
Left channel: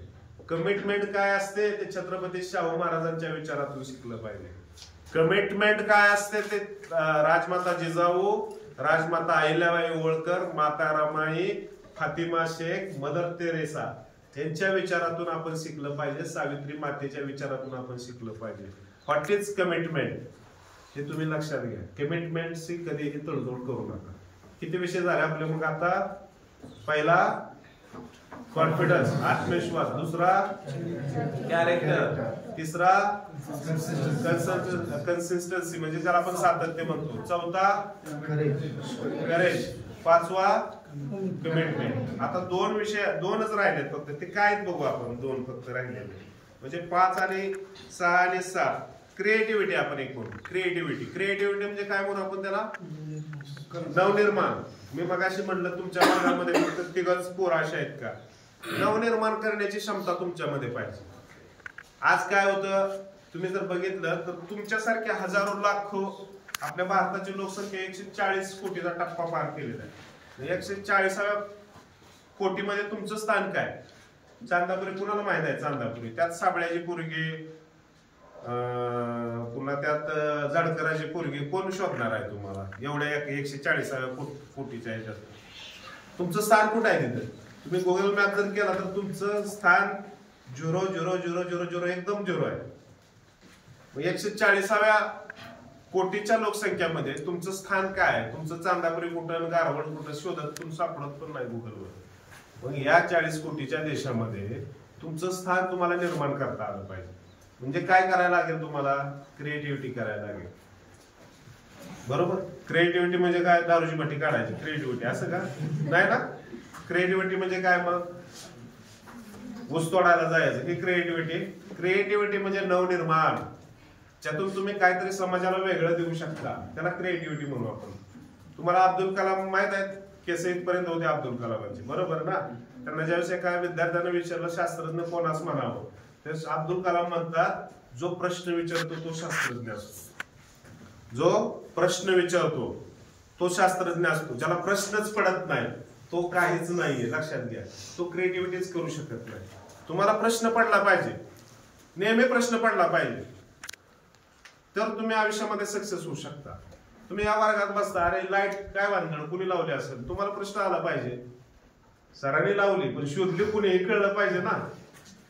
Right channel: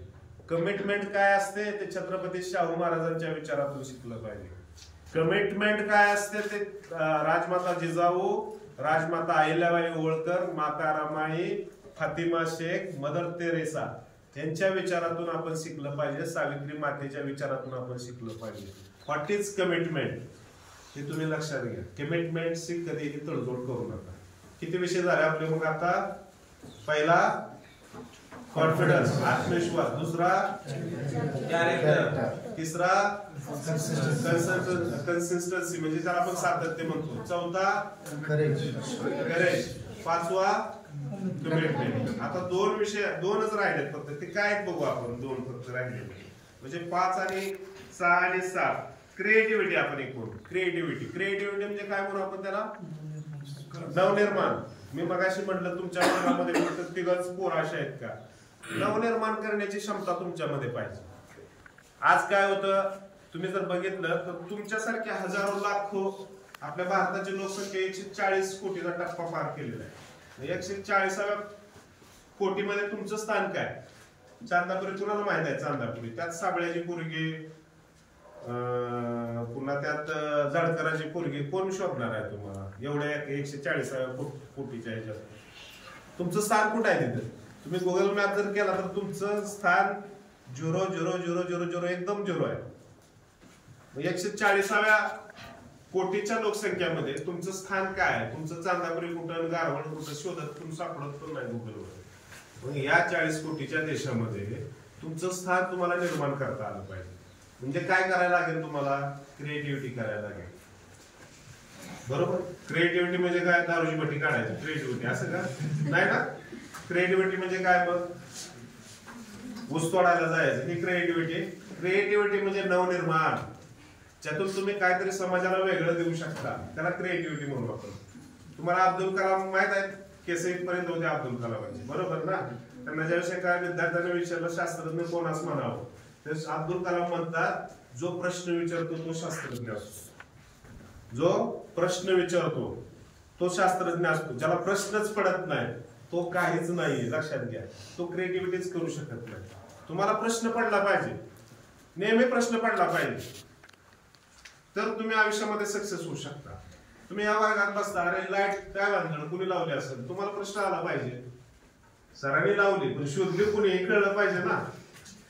कमिटमेंट काय असते ते छत्रपती शाहू महाराजांच्या विचारातून शिकलं पाहिजे. कमिटमेंट काय असते ते राजमाता जिजाऊ, राजमाता अहिल्याबाई होळकर, माता रमाई, फातिमा शेख, मदर तेरेसा यांच्या विचारातून आपण शिकलं पाहिजे. सावित्री मातेच्या विचारातून आपण शिकलं पाहिजे. व्हॉट इज कमिटमेंट हे तुम्ही लक्षात घ्या. कमिटमेंटची कधीही तडजोड करू नका. किती विषय झाले आपले मग आता? पहिला कॉन्फिडन्स, आत्मविश्वास. दुसरा कॅरेक्टर. तिसरा कन्सिस्टन्सी म्हणजे ज्याला आपण सातत्य म्हणतो. चौथा करेज. पाचवा कमिटमेंट. आता 2 विषय, 2च राहिलेत फक्त. ते काय बघू आपण. 2 फक्त राहिलेले म्हणजे 5 आणि 6 आणि 7. क्रिएटिव्हिटी आपण एक म्हणू. क्रिएटिव्हिटी म्हणजे काय म्हणू आपण त्याला? नवनिर्माण. मी मगाशी म्हटलं तुमच्या वर्गामध्ये फक्त 3च पोरं अशा आहेत का? नवनिर्माण करण्याची क्षमता तुमच्यामध्ये पाहिजे. आज काय होतं तुम्ही जर बघितलं तर तुमच्यासारख्या हजारो लाखो आपल्या भारताची लोकसंख्या 140 कोटीचा टप्पा पार केलेला आहे. 140व्या कोटीमध्ये तुमचं स्थान काय? चांदापुरी कुणाला माहित आहे? चांदापुरी. त्यात साबळ्याची पोरगी, पुन्हा त्यात जाडकराची पोरगी, कोण शोधणार आहे तुम्हाला एवढ्या 140व्या कोटीच्या ह्याच्यात? तुमचं स्थान कुठं आहे तिथे? तुम्ही गुगल मॅप जर केला तर तुमचं स्थान 0.0000 एकदम 0 आहे. 140व्या कोटीच्या लोकसंख्यामध्ये तुमचं स्थान काय आहे? तुमचं चांदापुरी कुठं, गारवड कुठं शोधत तुम्ही सापडत पण नाही गुगलवर. मग या 40 कोटीच्या देशामध्ये तुमचं स्थान तुम्हाला निर्माण करता आलं पाहिजे. म्हणजे काय करायला लागेल तुम्हाला? क्रिएटिव्हिटी करायला लागेल. बरोबर? क्रिएटिव्हिटी म्हणजे काय? दारूची भट्टी काढायची क्रिएटिव्हिटी असं का? नाही ना. क्रिएटिव्हिटी म्हणजे काय? मग ऊस तोडायला जायचं ही क्रिएटिव्हिटी. क्रिएटिव्हिटी म्हणजे नवनिर्माण. ज्यातून तुम्ही काहीतरी समाजाला वेगळं देऊ शकता, त्याला क्रिएटिव्हिटी म्हणू आपण. तुम्हाला अब्दुल कलाम माहित आहेत? केस इथपर्यंत होते अब्दुल कलामांचे. बरोबर ना? त्यांना ज्यावेळेस एका विद्यार्थ्यानं विचारलं शास्त्रज्ञ कोणास म्हणावं, तर अब्दुल कलाम म्हणतात जो प्रश्न विचारतो तो शास्त्रज्ञ असतो. जो प्रश्न विचारतो तो शास्त्रज्ञ असतो. ज्याला प्रश्नच पडत नाही तो काहीच नाहीये. लक्षात घ्या. तो क्रिएटिव्हिटीच करू शकत नाही. तुम्हाला प्रश्न पडला पाहिजे, नेहमी प्रश्न पडला पाहिजे, तर तुम्ही आयुष्यामध्ये सक्सेस होऊ शकता. तुम्ही या वर्गात बसता, अरे लाईट काय भानगड कुणी लावली असेल, तुम्हाला प्रश्न आला पाहिजे. सरांनी लावली पण शोधली कुणी हे कळलं पाहिजे ना.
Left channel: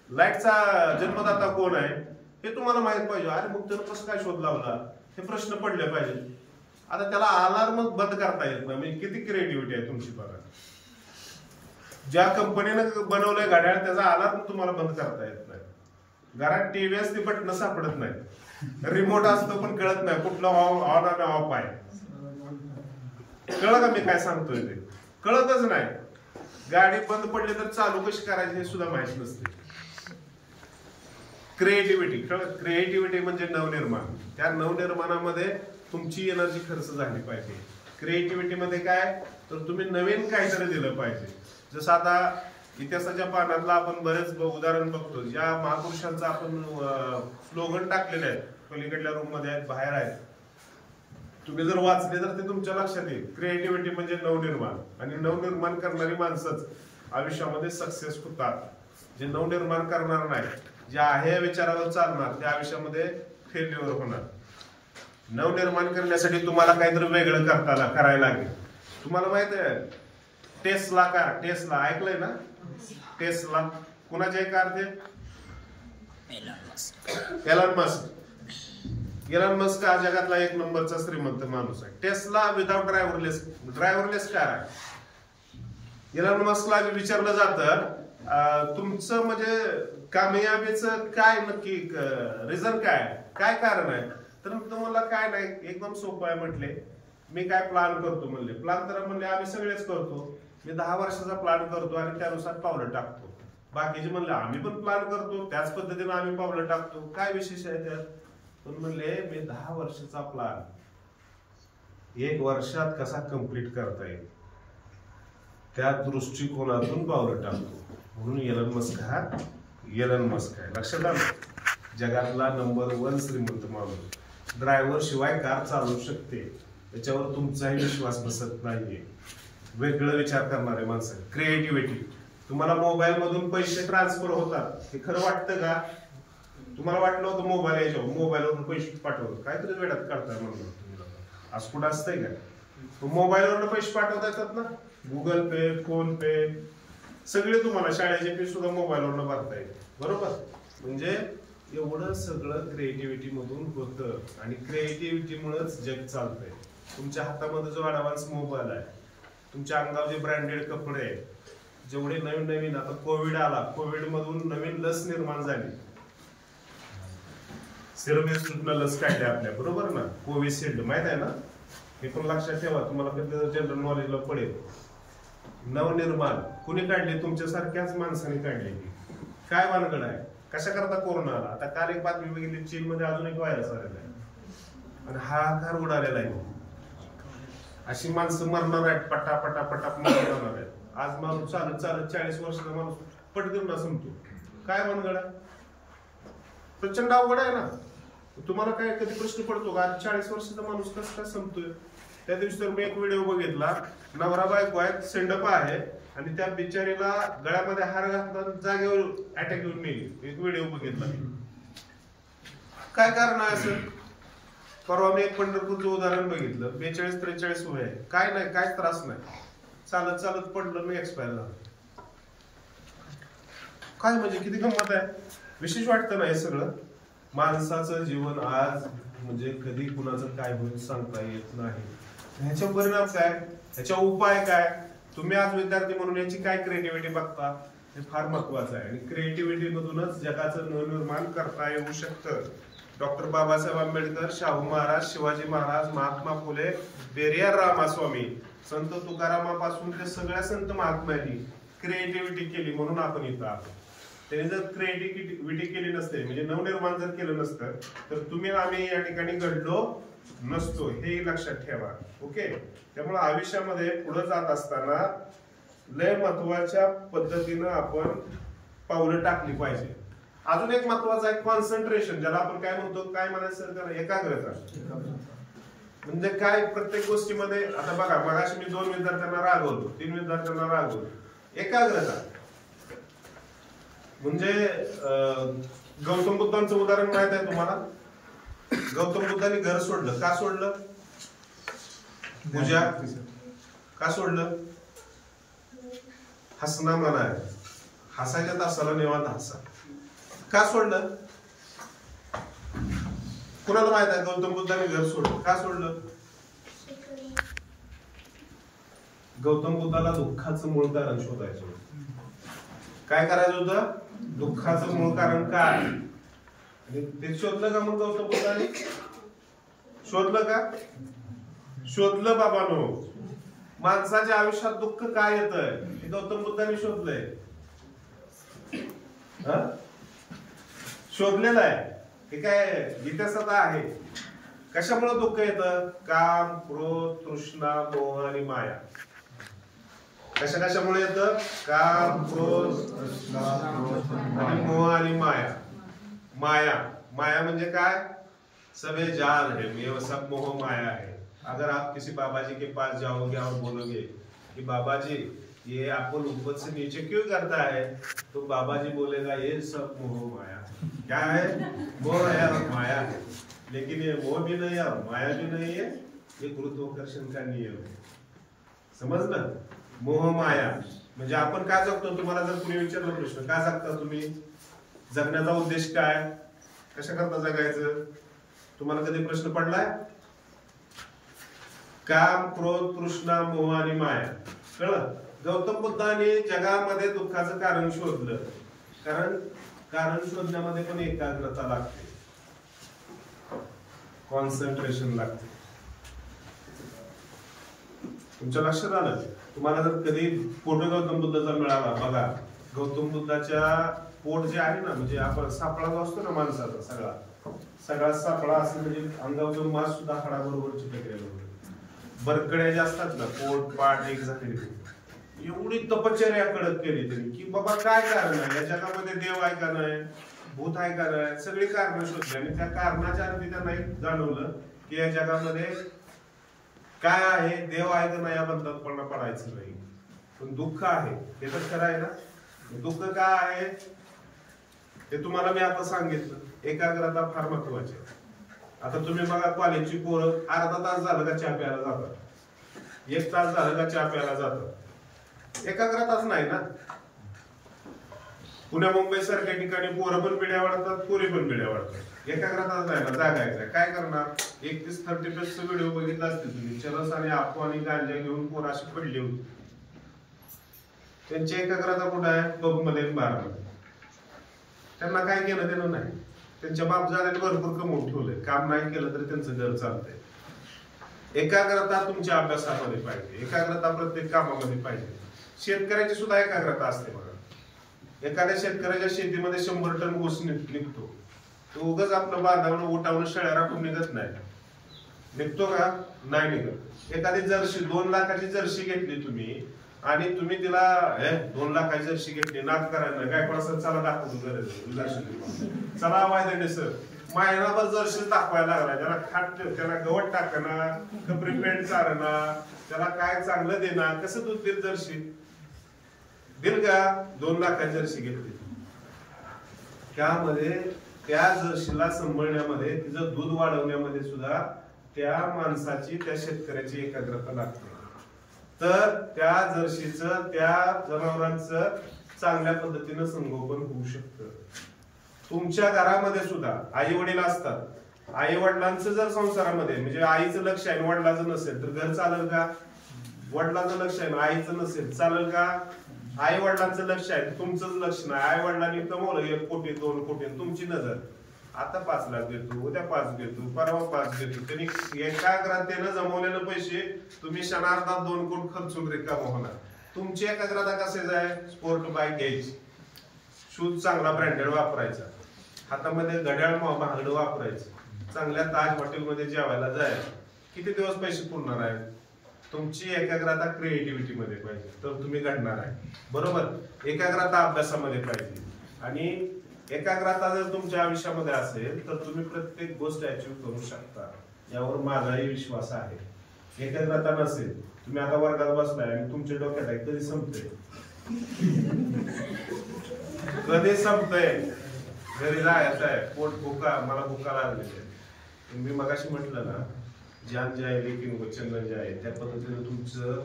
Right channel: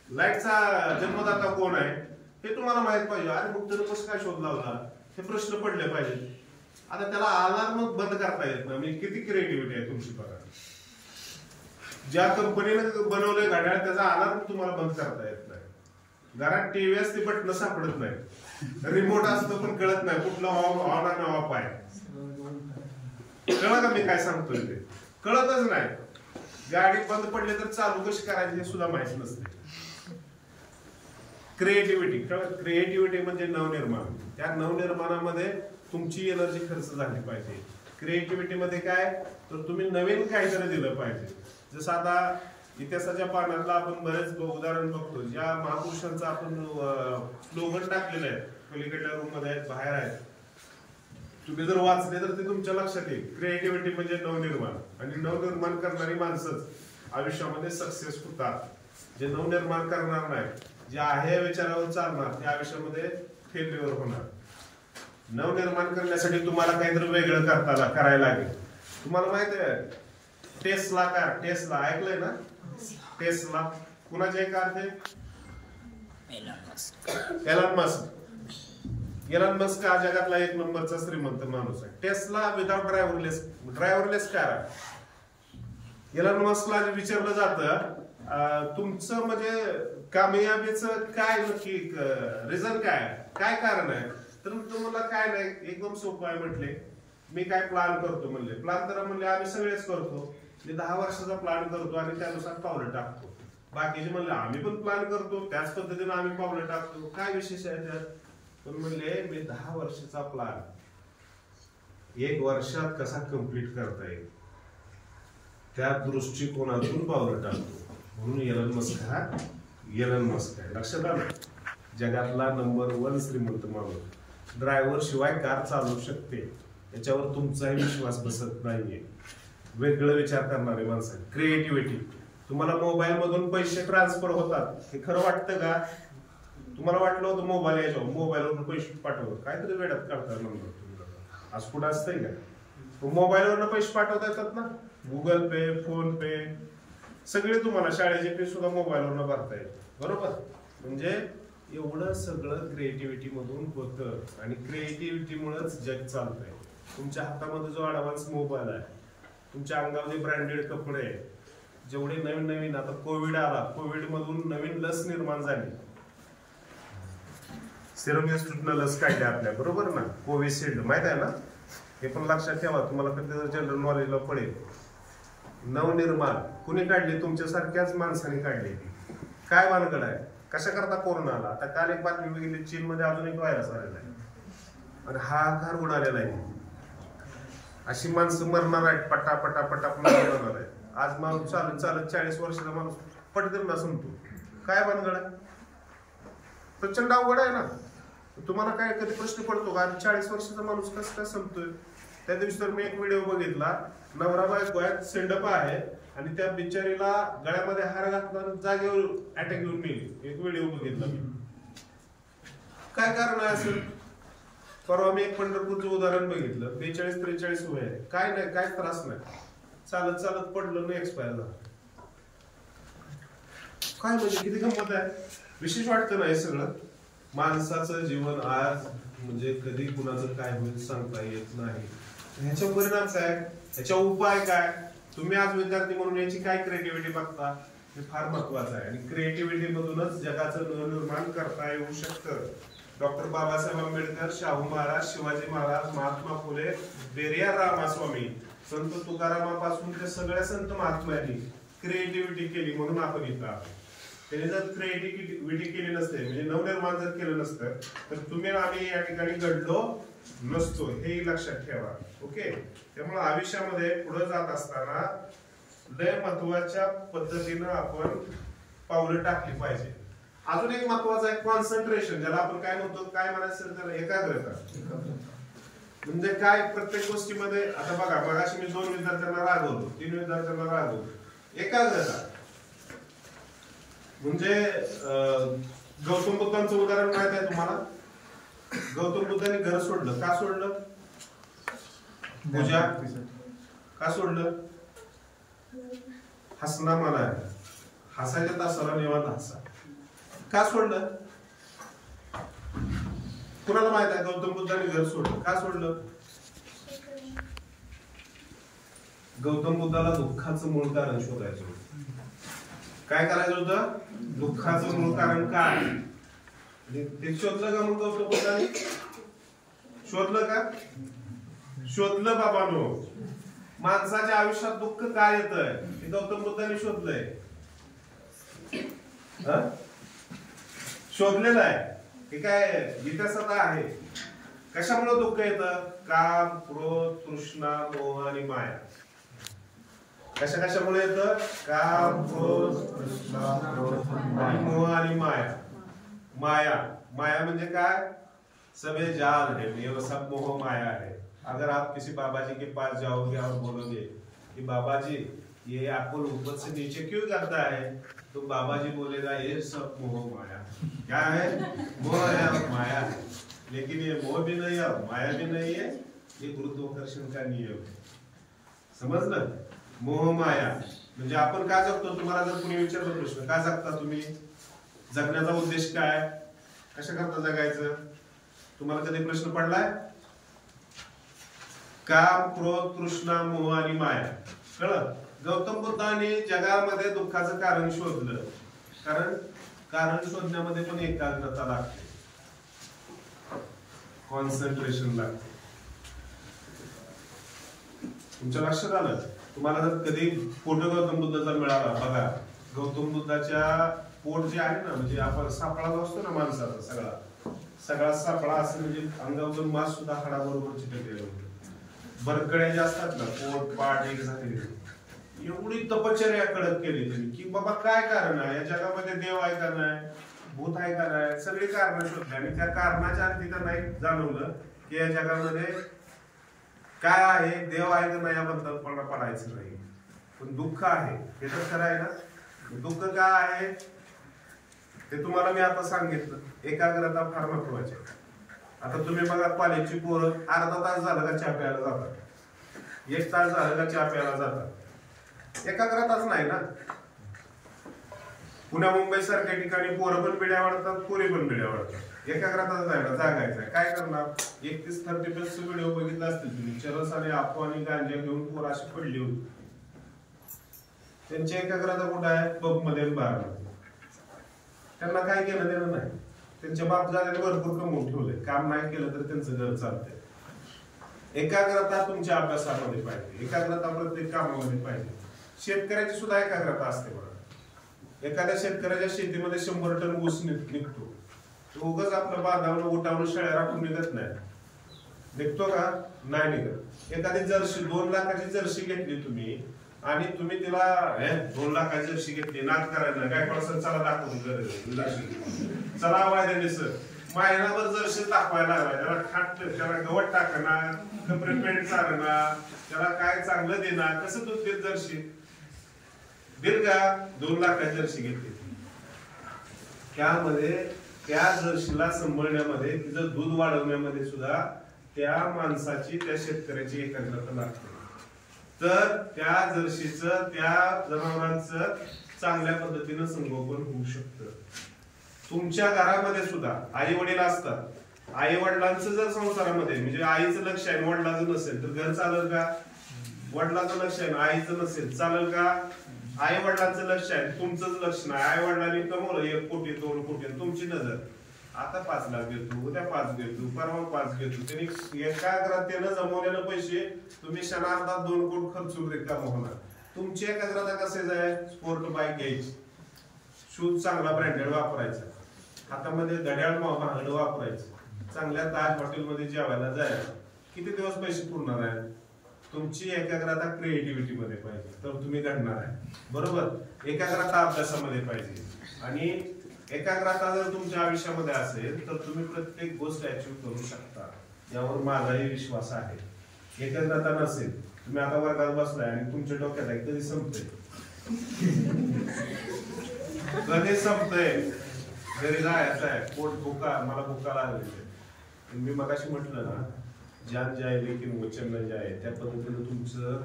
लाईटचा जन्मदाता कोण आहे हे तुम्हाला माहित पाहिजे. अरे मग त्यानं कसं काय शोध लावला हे प्रश्न पडले पाहिजे. आता त्याला अलार्म बंद करता येत नाही. म्हणजे किती क्रिएटिव्हिटी आहे तुमची बघा. ज्या कंपनीनं बनवलंय घड्याळ त्याचा अलार्म तुम्हाला बंद करता येत नाही. घरात टीव्ही असते बटन सापडत नाही, रिमोट असतं पण कळत नाही कुठलं ऑन आणि ऑफ आहे. कळलं का मी काय सांगतोय ते? कळतच नाही. गाडी बंद पडली तर चालू कशी करायची हे सुद्धा माहित नसते. क्रिएटिव्हिटी. क्रिएटिव्हिटी म्हणजे नवनिर्माण. त्या नवनिर्माणामध्ये तुमची एनर्जी खर्च झाली पाहिजे. क्रिएटिव्हिटी मध्ये काय तर तुम्ही नवीन काहीतरी दिलं पाहिजे. जसं आता इतिहासाच्या पानातला आपण बरेच उदाहरण बघतो, ज्या महापुरुषांचं आपण स्लोगन टाकलेलं आहे, पलीकडल्या रूम मध्ये आहेत, बाहेर आहेत, तुम्ही जर वाचले तर ते तुमच्या लक्षात येईल. क्रिएटिव्हिटी म्हणजे नवनिर्माण, आणि नवनिर्माण करणारी माणसंच आयुष्यामध्ये सक्सेस होतात. जे नवनिर्माण करणार नाही, जे आहे या विचारावर चालणार, ते आयुष्यामध्ये फेल्युअर होणार. नवनिर्माण करण्यासाठी तुम्हाला काहीतरी वेगळं करायला लागेल. तुम्हाला माहित आहे टेस्ला कार, टेस्ला ऐकलंय ना? टेस्ला कुणाचे कार ते? एलॉन मस्क हा जगातला एक नंबरचा श्रीमंत माणूस आहे. टेस्ला विदाउट ड्रायव्हरलेस कार आहे. एलॉन मस्कला विचारलं जातं तुमचं म्हणजे कामयाबीचं काय नक्की रिझन काय कारण आहे, तर तुम्हाला काय नाही, एकदम सोपं आहे म्हटले. मी काय प्लॅन करतो म्हणले. प्लॅन तर म्हणले आम्ही सगळेच करतो. मी 10 वर्षाचा प्लॅन करतो आणि त्यानुसार पावलं टाकतो. बाकीचे म्हणले आम्ही पण प्लॅन करतो, त्याच पद्धतीने आम्ही पावलं टाकतो. काय विशेष आहे त्यात? पण म्हणले मी 10 वर्षाचा प्लॅन 1 वर्षात कसा कम्प्लीट करता येईल त्या दृष्टिकोनातून पावलं टाकतो. म्हणून एलन मस्क आहे. लक्षात आलं? जगातला नंबर 1 श्रीमंत माणूस. ड्रायव्हर शिवाय कार चालवू शकते, याच्यावर तुमचाही विश्वास बसत नाहीये. वेगळं विचार करणारे माणसं. क्रिएटिव्हिटी. तुम्हाला मोबाईल मधून पैसे ट्रान्सफर होतात हे खरं वाटतं का? तुम्हाला वाटलं होतं मोबाईल याच्यावर मोबाईलवरून पैसे पाठवतात, काहीतरी वेळात काढताय म्हणणार तुम्ही लोक. आज कुठं असतंय का? मोबाईलवरनं पैसे पाठवता येतात ना. गुगल पे, फोन पे, सगळे तुम्हाला शाळेचे फी सुद्धा मोबाईलवरनं भरता येते. बरोबर? म्हणजे एवढं सगळं क्रिएटिव्हिटी मधून होतं, आणि क्रिएटिव्हिटीमुळेच जग चालतंय. तुमच्या हातामध्ये जो ऍडव्हान्स मोबाईल आहे, तुमच्या अंगावर जे ब्रँडेड कपडे आहेत, जेवढे नवीन आता कोविड आला, कोविड मधून नवीन लस निर्माण झाली. सिरम इन्स्टिट्यूटनं लस काढली आपल्या, बरोबर ना? कोविशिल्ड माहित आहे ना? हे पण लक्षात ठेवा, तुम्हाला कधी जनरल नॉलेजला पडेल. नवनिर्माण कुणी काढली? तुमच्यासारख्याच माणसाने काढली. काय भानगड आहे? कशा करता कोरोना आला? आता काल एक बातमी बघितली, चीन मध्ये अजून एक व्हायरस आलेला आहे आणि हाहाकार उडालेला आहे. अशी माणसं मरणार आहेत, पटापटा मरणार आहेत. आज माणूस चालत 40 वर्षाचा माणूस पटकन संपतो. काय भानगड आहे? प्रचंड अवघड आहे ना. तुम्हाला काय कधी प्रश्न पडतो का 40 वर्षाचा माणूस कसं काय संपतोय? त्या दिवशी तर मी एक व्हिडिओ बघितला, नवरा बायको आहेत, सेंडप आहे, आणि त्या बिचारीला गळ्यामध्ये हार घातला, जागेवर अटॅक येऊन मेली. एक व्हिडिओ बघितला मी. काय कारण आहे असं? परवा मी एक पंढरपूरचं उदाहरण बघितलं. 42-43 वय आहे, काय नाही, काय त्रास नाही, चालत पडलं नाही, एक्सपायर झालं. काय म्हणजे किती गंमत आहे. विशेष वाटतं ना हे सगळं. माणसाचं जीवन आज म्हणजे कधी कुणाचं काय होईल सांगता येत नाही. ह्याचा परिणाम काय, ह्याचा उपाय काय? तुम्ही आज विद्यार्थी म्हणून याची काय क्रिएटिव्हिटी बघता, हे फार महत्वाचं आहे. आणि क्रिएटिव्हिटी मधूनच जगाचं नवनिर्माण करता येऊ शकतं. डॉक्टर बाबासाहेब आंबेडकर, शाहू महाराज, शिवाजी महाराज, महात्मा फुले, पेरियार रामास्वामी, संत तुकारामापासून ते सगळ्या संत महात्म्यांनी क्रिएटिव्हिटी केली, म्हणून आपण इथं आहोत. त्यांनी जर क्रिएटिव्हिटी केली नसते, म्हणजे नवनिर्माण जर केलं नसतं, तर तुम्ही आम्ही या ठिकाणी घडलो नसतो, हे लक्षात ठेवा. ओके? त्यामुळे आयुष्यामध्ये पुढे जात असताना लय महत्वाच्या पद्धतीनं आपण पावलं टाकली पाहिजे. अजून एक महत्वाचं आहे कॉन्सन्ट्रेशन, ज्याला आपण काय म्हणतो, काय म्हणायचं त्याला, एकाग्रता. म्हणजे काय, प्रत्येक गोष्टीमध्ये आता बघा, मगाशी मी 2 विद्यार्थ्यांना रागवतो, 3 विद्यार्थ्यांना रागवतो. एकाग्रता म्हणजे गौतम बुद्धांचं उदाहरण माहित आहे तुम्हाला? गौतम बुद्धांनी घर सोडलं. का सोडलं? पूजा. का सोडलं? हसना मना आहे, हसायच्या तासाला निवांत हसा. का सोडलं? कुणाला माहित आहे गौतम बुद्धांनी घर सोडलं? का सोडलं? गौतम बुद्धाला दुःखाचं मूळ कारण शोधायचं होतं. काय करायचं होतं? दुःखाचं मूळ कारण काय, आणि ते शोधलं का? मग गौतम बुद्धांनी शोधलं का? शोधलं बाबांनो. माणसाच्या आयुष्यात दुःख काय येतंय हे गौतम बुद्धांनी शोधलंय. शोधलेलं आहे. हे काय इतिहासात आहे. कशामुळे दुःख येतं? काम, क्रोध, तृष्णा, मोह आणि माया. कशामुळे येतं? काम, क्रोध, तृष्णा आणि मोह आणि माया. माया म्हणजे काय? सबे जाल है, ये सब मोह माया है. अगर आप किसी बाबा जी के पास जाओगे और बोलोगे कि बाबा जी ये आपको ऊपर से नीचे क्यों करता है, तो बाबा जी बोलेगा ये सब मोह माया. क्या है? मोह है और माया है. लेकिन ये मोह भी नहीं है और माया भी नहीं है, ये गुरुत्वाकर्षण का नियम है. समजलं? मोह माया म्हणजे आपण काय जगतो? तुम्हाला जर कुणी विचारलं प्रश्न, काय जगता तुम्ही? जगण्याचा उद्देश काय? कशा करता जगायचं? तुम्हाला कधी प्रश्न पडलाय? काम, क्रोध, तृष्णा, मोह आणि माया. कळलं? गौतम बुद्धाने जगामध्ये दुःखाचं कारण शोधलं. कारण शोधण्यामध्ये पण एकाग्रता लागते, कॉन्सन्ट्रेशन लागते. तुमच्या लक्षात आलं? तुम्हाला जर कधी फोटो गौतम बुद्धाचा मिळाला, बघा गौतम बुद्धाच्या पोट जे आहे ना, म्हणजे आपण सापळा जो असतो ना माणसाचा, सगळा सापळा असं, म्हणजे अंगावरून मांस सुद्धा हाडाबरोबर चिटकलेलं होतं. बरकड्या ज्या असतात ना, पोट पाठ एक झालेली. एवढी तपश्चर्या कडक केली त्यांनी की बाबा काय कारण आहे या जगामध्ये? देव आहे का नाही? भूत आहे का नाही? सगळी कारण शोधली आणि त्या कारणाच्या अर्थी त्यांना एक जाणवलं की या जगामध्ये काय आहे, देव आहे का नाही याबद्दल पडायचं नाही, पण दुःख आहे. हे तर खरं आहे ना? दुःख काय आहे ते तुम्हाला मी आता सांगितलं. एकाग्रता फार महत्वाची आहे. आता तुम्ही बघा, कॉलेजची पोरं अर्धा तास झालं का चहा प्यायला जातात, 1 तास झालं का चहा प्यायला जातात. एकाग्रताच नाही ना. पुण्या मुंबई सारख्या ठिकाणी पोरं पण बिड्या वाढतात, पोरी पण बिड्या वाढतात. एकाग्रताच नाही ना. जागायचं काय करणार? 31-30 व्हिडिओ बघितला असतील तुम्ही. चरस आणि आपो आणि गांजा घेऊन पोरं अशी पडली होती. त्यांची एकाग्रता कुठं आहे? पब मध्ये, बार मध्ये. त्यांना काय केलं देणं नाही. त्यांच्या बापजाद्याने भरपूर कमवून ठेवलंय. काम नाही केलं तर त्यांचं घर चालतंय. एकाग्रता तुमच्या अभ्यासामध्ये पाहिजे, एकाग्रता प्रत्येक कामामध्ये पाहिजे. शेतकऱ्याची सुद्धा एकाग्रता असते बघा. एखाद्या शेतकऱ्याच्या शेतीमध्ये 100 टन ऊस निघतो. तो उगाच आपलं बांधावणं उठावणं शेळ्या राखून निघत नाही. निघतो का? नाही निघत. एखादी जर्सी 2 लाखाची जर्सी घेतली तुम्ही आणि तुम्ही तिला 2 लाखाची जर्सी घेतली, नाद करायला काय पडसं, चला दाखवतो जर्सी, चला वायद्याने सर महिनाभर जर्सी दाखवायला लागला. त्याला खाट, त्याला गवत टाकणार, कपडे पेंट चालणार, त्याला काय चांगलं देणार, कसं दूध देत जर्सी दिल का? 2 लाखाची जर्सी घेतली. त्यामध्ये त्या जर्सीला सांभाळण्यामध्ये, तिचं दूध वाढवण्यामध्ये सुद्धा त्या माणसाची, त्या शेतकऱ्याची एकाग्रता लागते. तर त्या जर्सीचं, त्या जनावरांचं चांगल्या पद्धतीनं संगोपन होऊ शकतं. तुमच्या घरामध्ये सुद्धा आई वडील असतात. आई वडिलांचं जर संसारामध्ये, म्हणजे आईचं लक्ष आहे वडिलांचं नसेल तर घर चालेल का? वडिलांचं लक्ष आहे आईचं नसेल चालेल का? आई वडिलांचं लक्ष आहे, तुमचंच लक्ष नाही. आई वडिलांनी कमवलं 1 कोटी 2 कोटी, तुमची नजर आता 5 लाख देतो, उद्या 5 देतो, परवा 5 देतो. त्यांनी एकाग्रतेनं जमवलेले पैसे तुम्ही क्षणार्धात 2 कोटी खर्चून रिकाम होणार. तुमची एकाग्रता कसेच आहे? स्पोर्ट बाईक घ्यायची, शूज चांगला ब्रँडेड वापरायचा, हातामध्ये घड्याळ महागडं वापरायचं, चांगल्या ताज हॉटेलमध्ये जेवायला जायचं. किती दिवस पैसे पुरणार आहे? तुमची एकाग्रता क्रिएटिव्हिटी मध्ये पाहिजे तर तुम्ही घडणार आहे. बरोबर? एकाग्रता अभ्यासामध्ये पाहिजे. आणि एकाग्रता जर तुमच्या आयुष्यामध्ये असेल तर तुम्ही प्रत्येक गोष्ट अचीव करू शकता, यावर माझाही विश्वास आहे. एकाग्रता नसेल, तुम्ही आता वर्गात बसलाय आणि तुमच्या डोक्यात आहे कधी संपतंय, कधी संपतंय, घरी जायचं आहे, पोट भुका, मला भुका लागलेली आहे. मी मगाशी म्हटलं ना, जान जाय लेकिन वचन न जाय, त्या पद्धतीनं तुमचं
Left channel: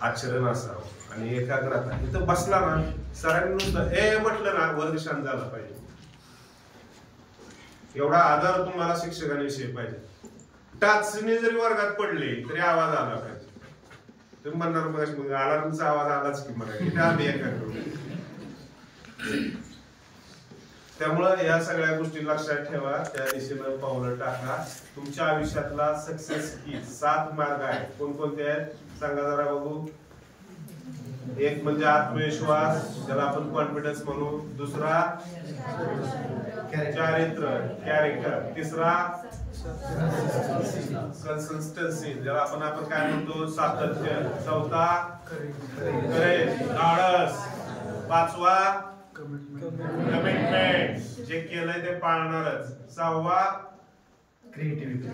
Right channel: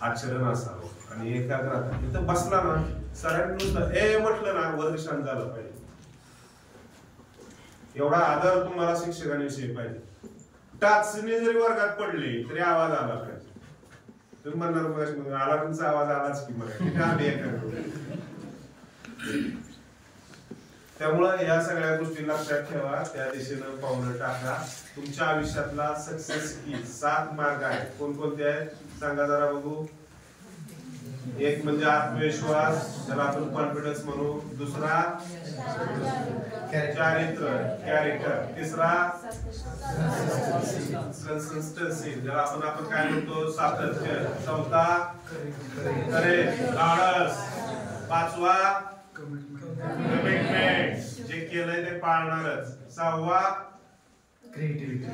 आचरण असावं. आणि एकाग्रता इथं बसला ना, सरांनी नुसतं म्हटलं ना, वर्ग शांत झाला पाहिजे. एवढा आदर तुम्हाला शिक्षकांविषयी पाहिजे. टाचणी जरी वर्गात पडली तरी आवाज आला पाहिजे. तुम्ही म्हणणार मग अलार्मचा आवाज आलाच की मला, किती आम्ही एकाग्र. त्यामुळं या सगळ्या गोष्टी लक्षात ठेवा, त्या दिशेनं पावलं टाका. तुमच्या आयुष्यातला सक्सेस की 7 मार्ग आहेत. कोणकोणते आहेत सांगा जरा बघू. एक म्हणजे आत्मविश्वास, ज्याला आपण कॉन्फिडन्स म्हणू. दुसरा चारित्र्य, कॅरेक्टर. तिसरा कन्सिस्टन्सी, ज्याला आपण काय म्हणतो, सातत्य. चौथा करेज, धाडस. पाचवा कमिटमेंट, जे केलंय ते पाळणारच. सहावा क्रिएटिव्हिटी,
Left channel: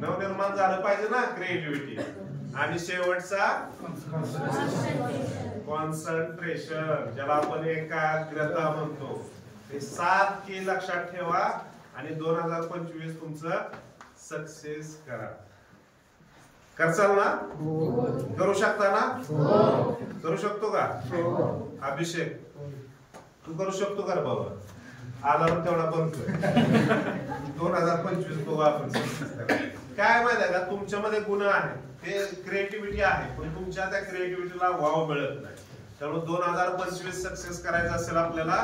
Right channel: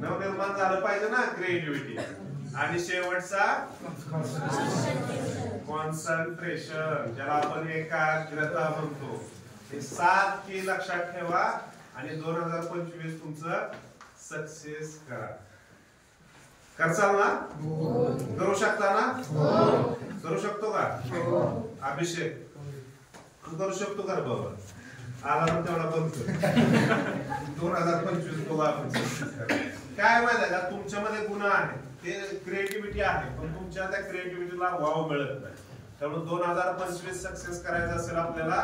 नवनिर्माण झालं पाहिजे ना, क्रिएटिव्हिटी. आणि शेवटचा कॉन्सन्ट्रेशन, ज्याला आपण एकाग्रता म्हणतो. हे 7 की लक्षात ठेवा आणि 2025 तुमचं सक्सेस करा. करचाल ना? करू शकता ना? करू शकतो का? अभिषेक, तू करू शकतो का रे बाबा? अलार्म तेवढा बंद कर. 2025 बघू आपण. काय माहिती आहे का, तुमच्यामध्ये गुण आहेत, ते क्रिएटिव्हिटी आहे, पण तुमच्या त्या क्रिएटिव्हिटीला वाव मिळत नाही. त्यामुळे 2025 सक्सेस करायचं असेल आपल्याला,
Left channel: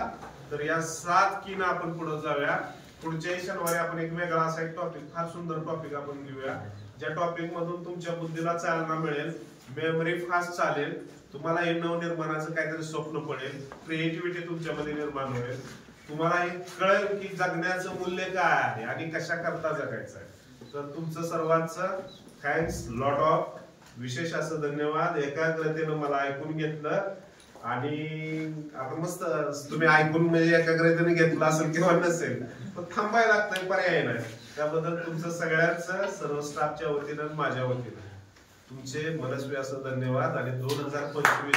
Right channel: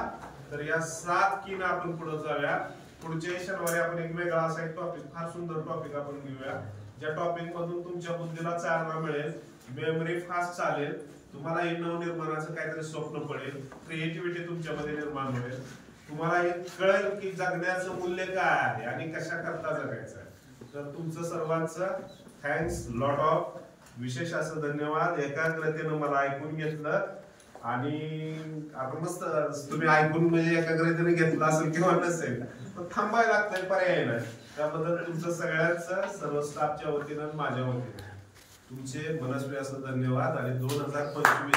तर या 7 कीनं आपण पुढे जाऊया. पुढच्या शनिवारी आपण एक वेगळा असा एक टॉपिक, फार सुंदर टॉपिक आपण घेऊया, ज्या टॉपिक मधून तुमच्या बुद्धीला चालना मिळेल, मेमरी फास्ट चालेल, तुम्हाला हे नवनिर्माणाचं काहीतरी स्वप्न पडेल, क्रिएटिव्हिटी तुमच्यामध्ये निर्माण होईल, तुम्हाला हे कळेल की जगण्याचं मूल्य काय आहे आणि कशा करता जगायचं आहे. तर तुमचं सर्वांचं थँक्स लॉट ऑफ, विशेष असं धन्यवाद. एकाग्रतेनं मला ऐकून घेतलं आणि आता मस्त तुम्ही ऐकून म्हणजे एकाग्रतेने घेतलं असेल किंवा नसेल, पण थांबायला लागतंय, पर्याय नाही. त्याबद्दल तुमचं सगळ्यांचं, सर्व स्टाफच्या वतीनं, माझ्या वतीनं तुमचे मनस्वी असं धन्यवाद. आणि 2025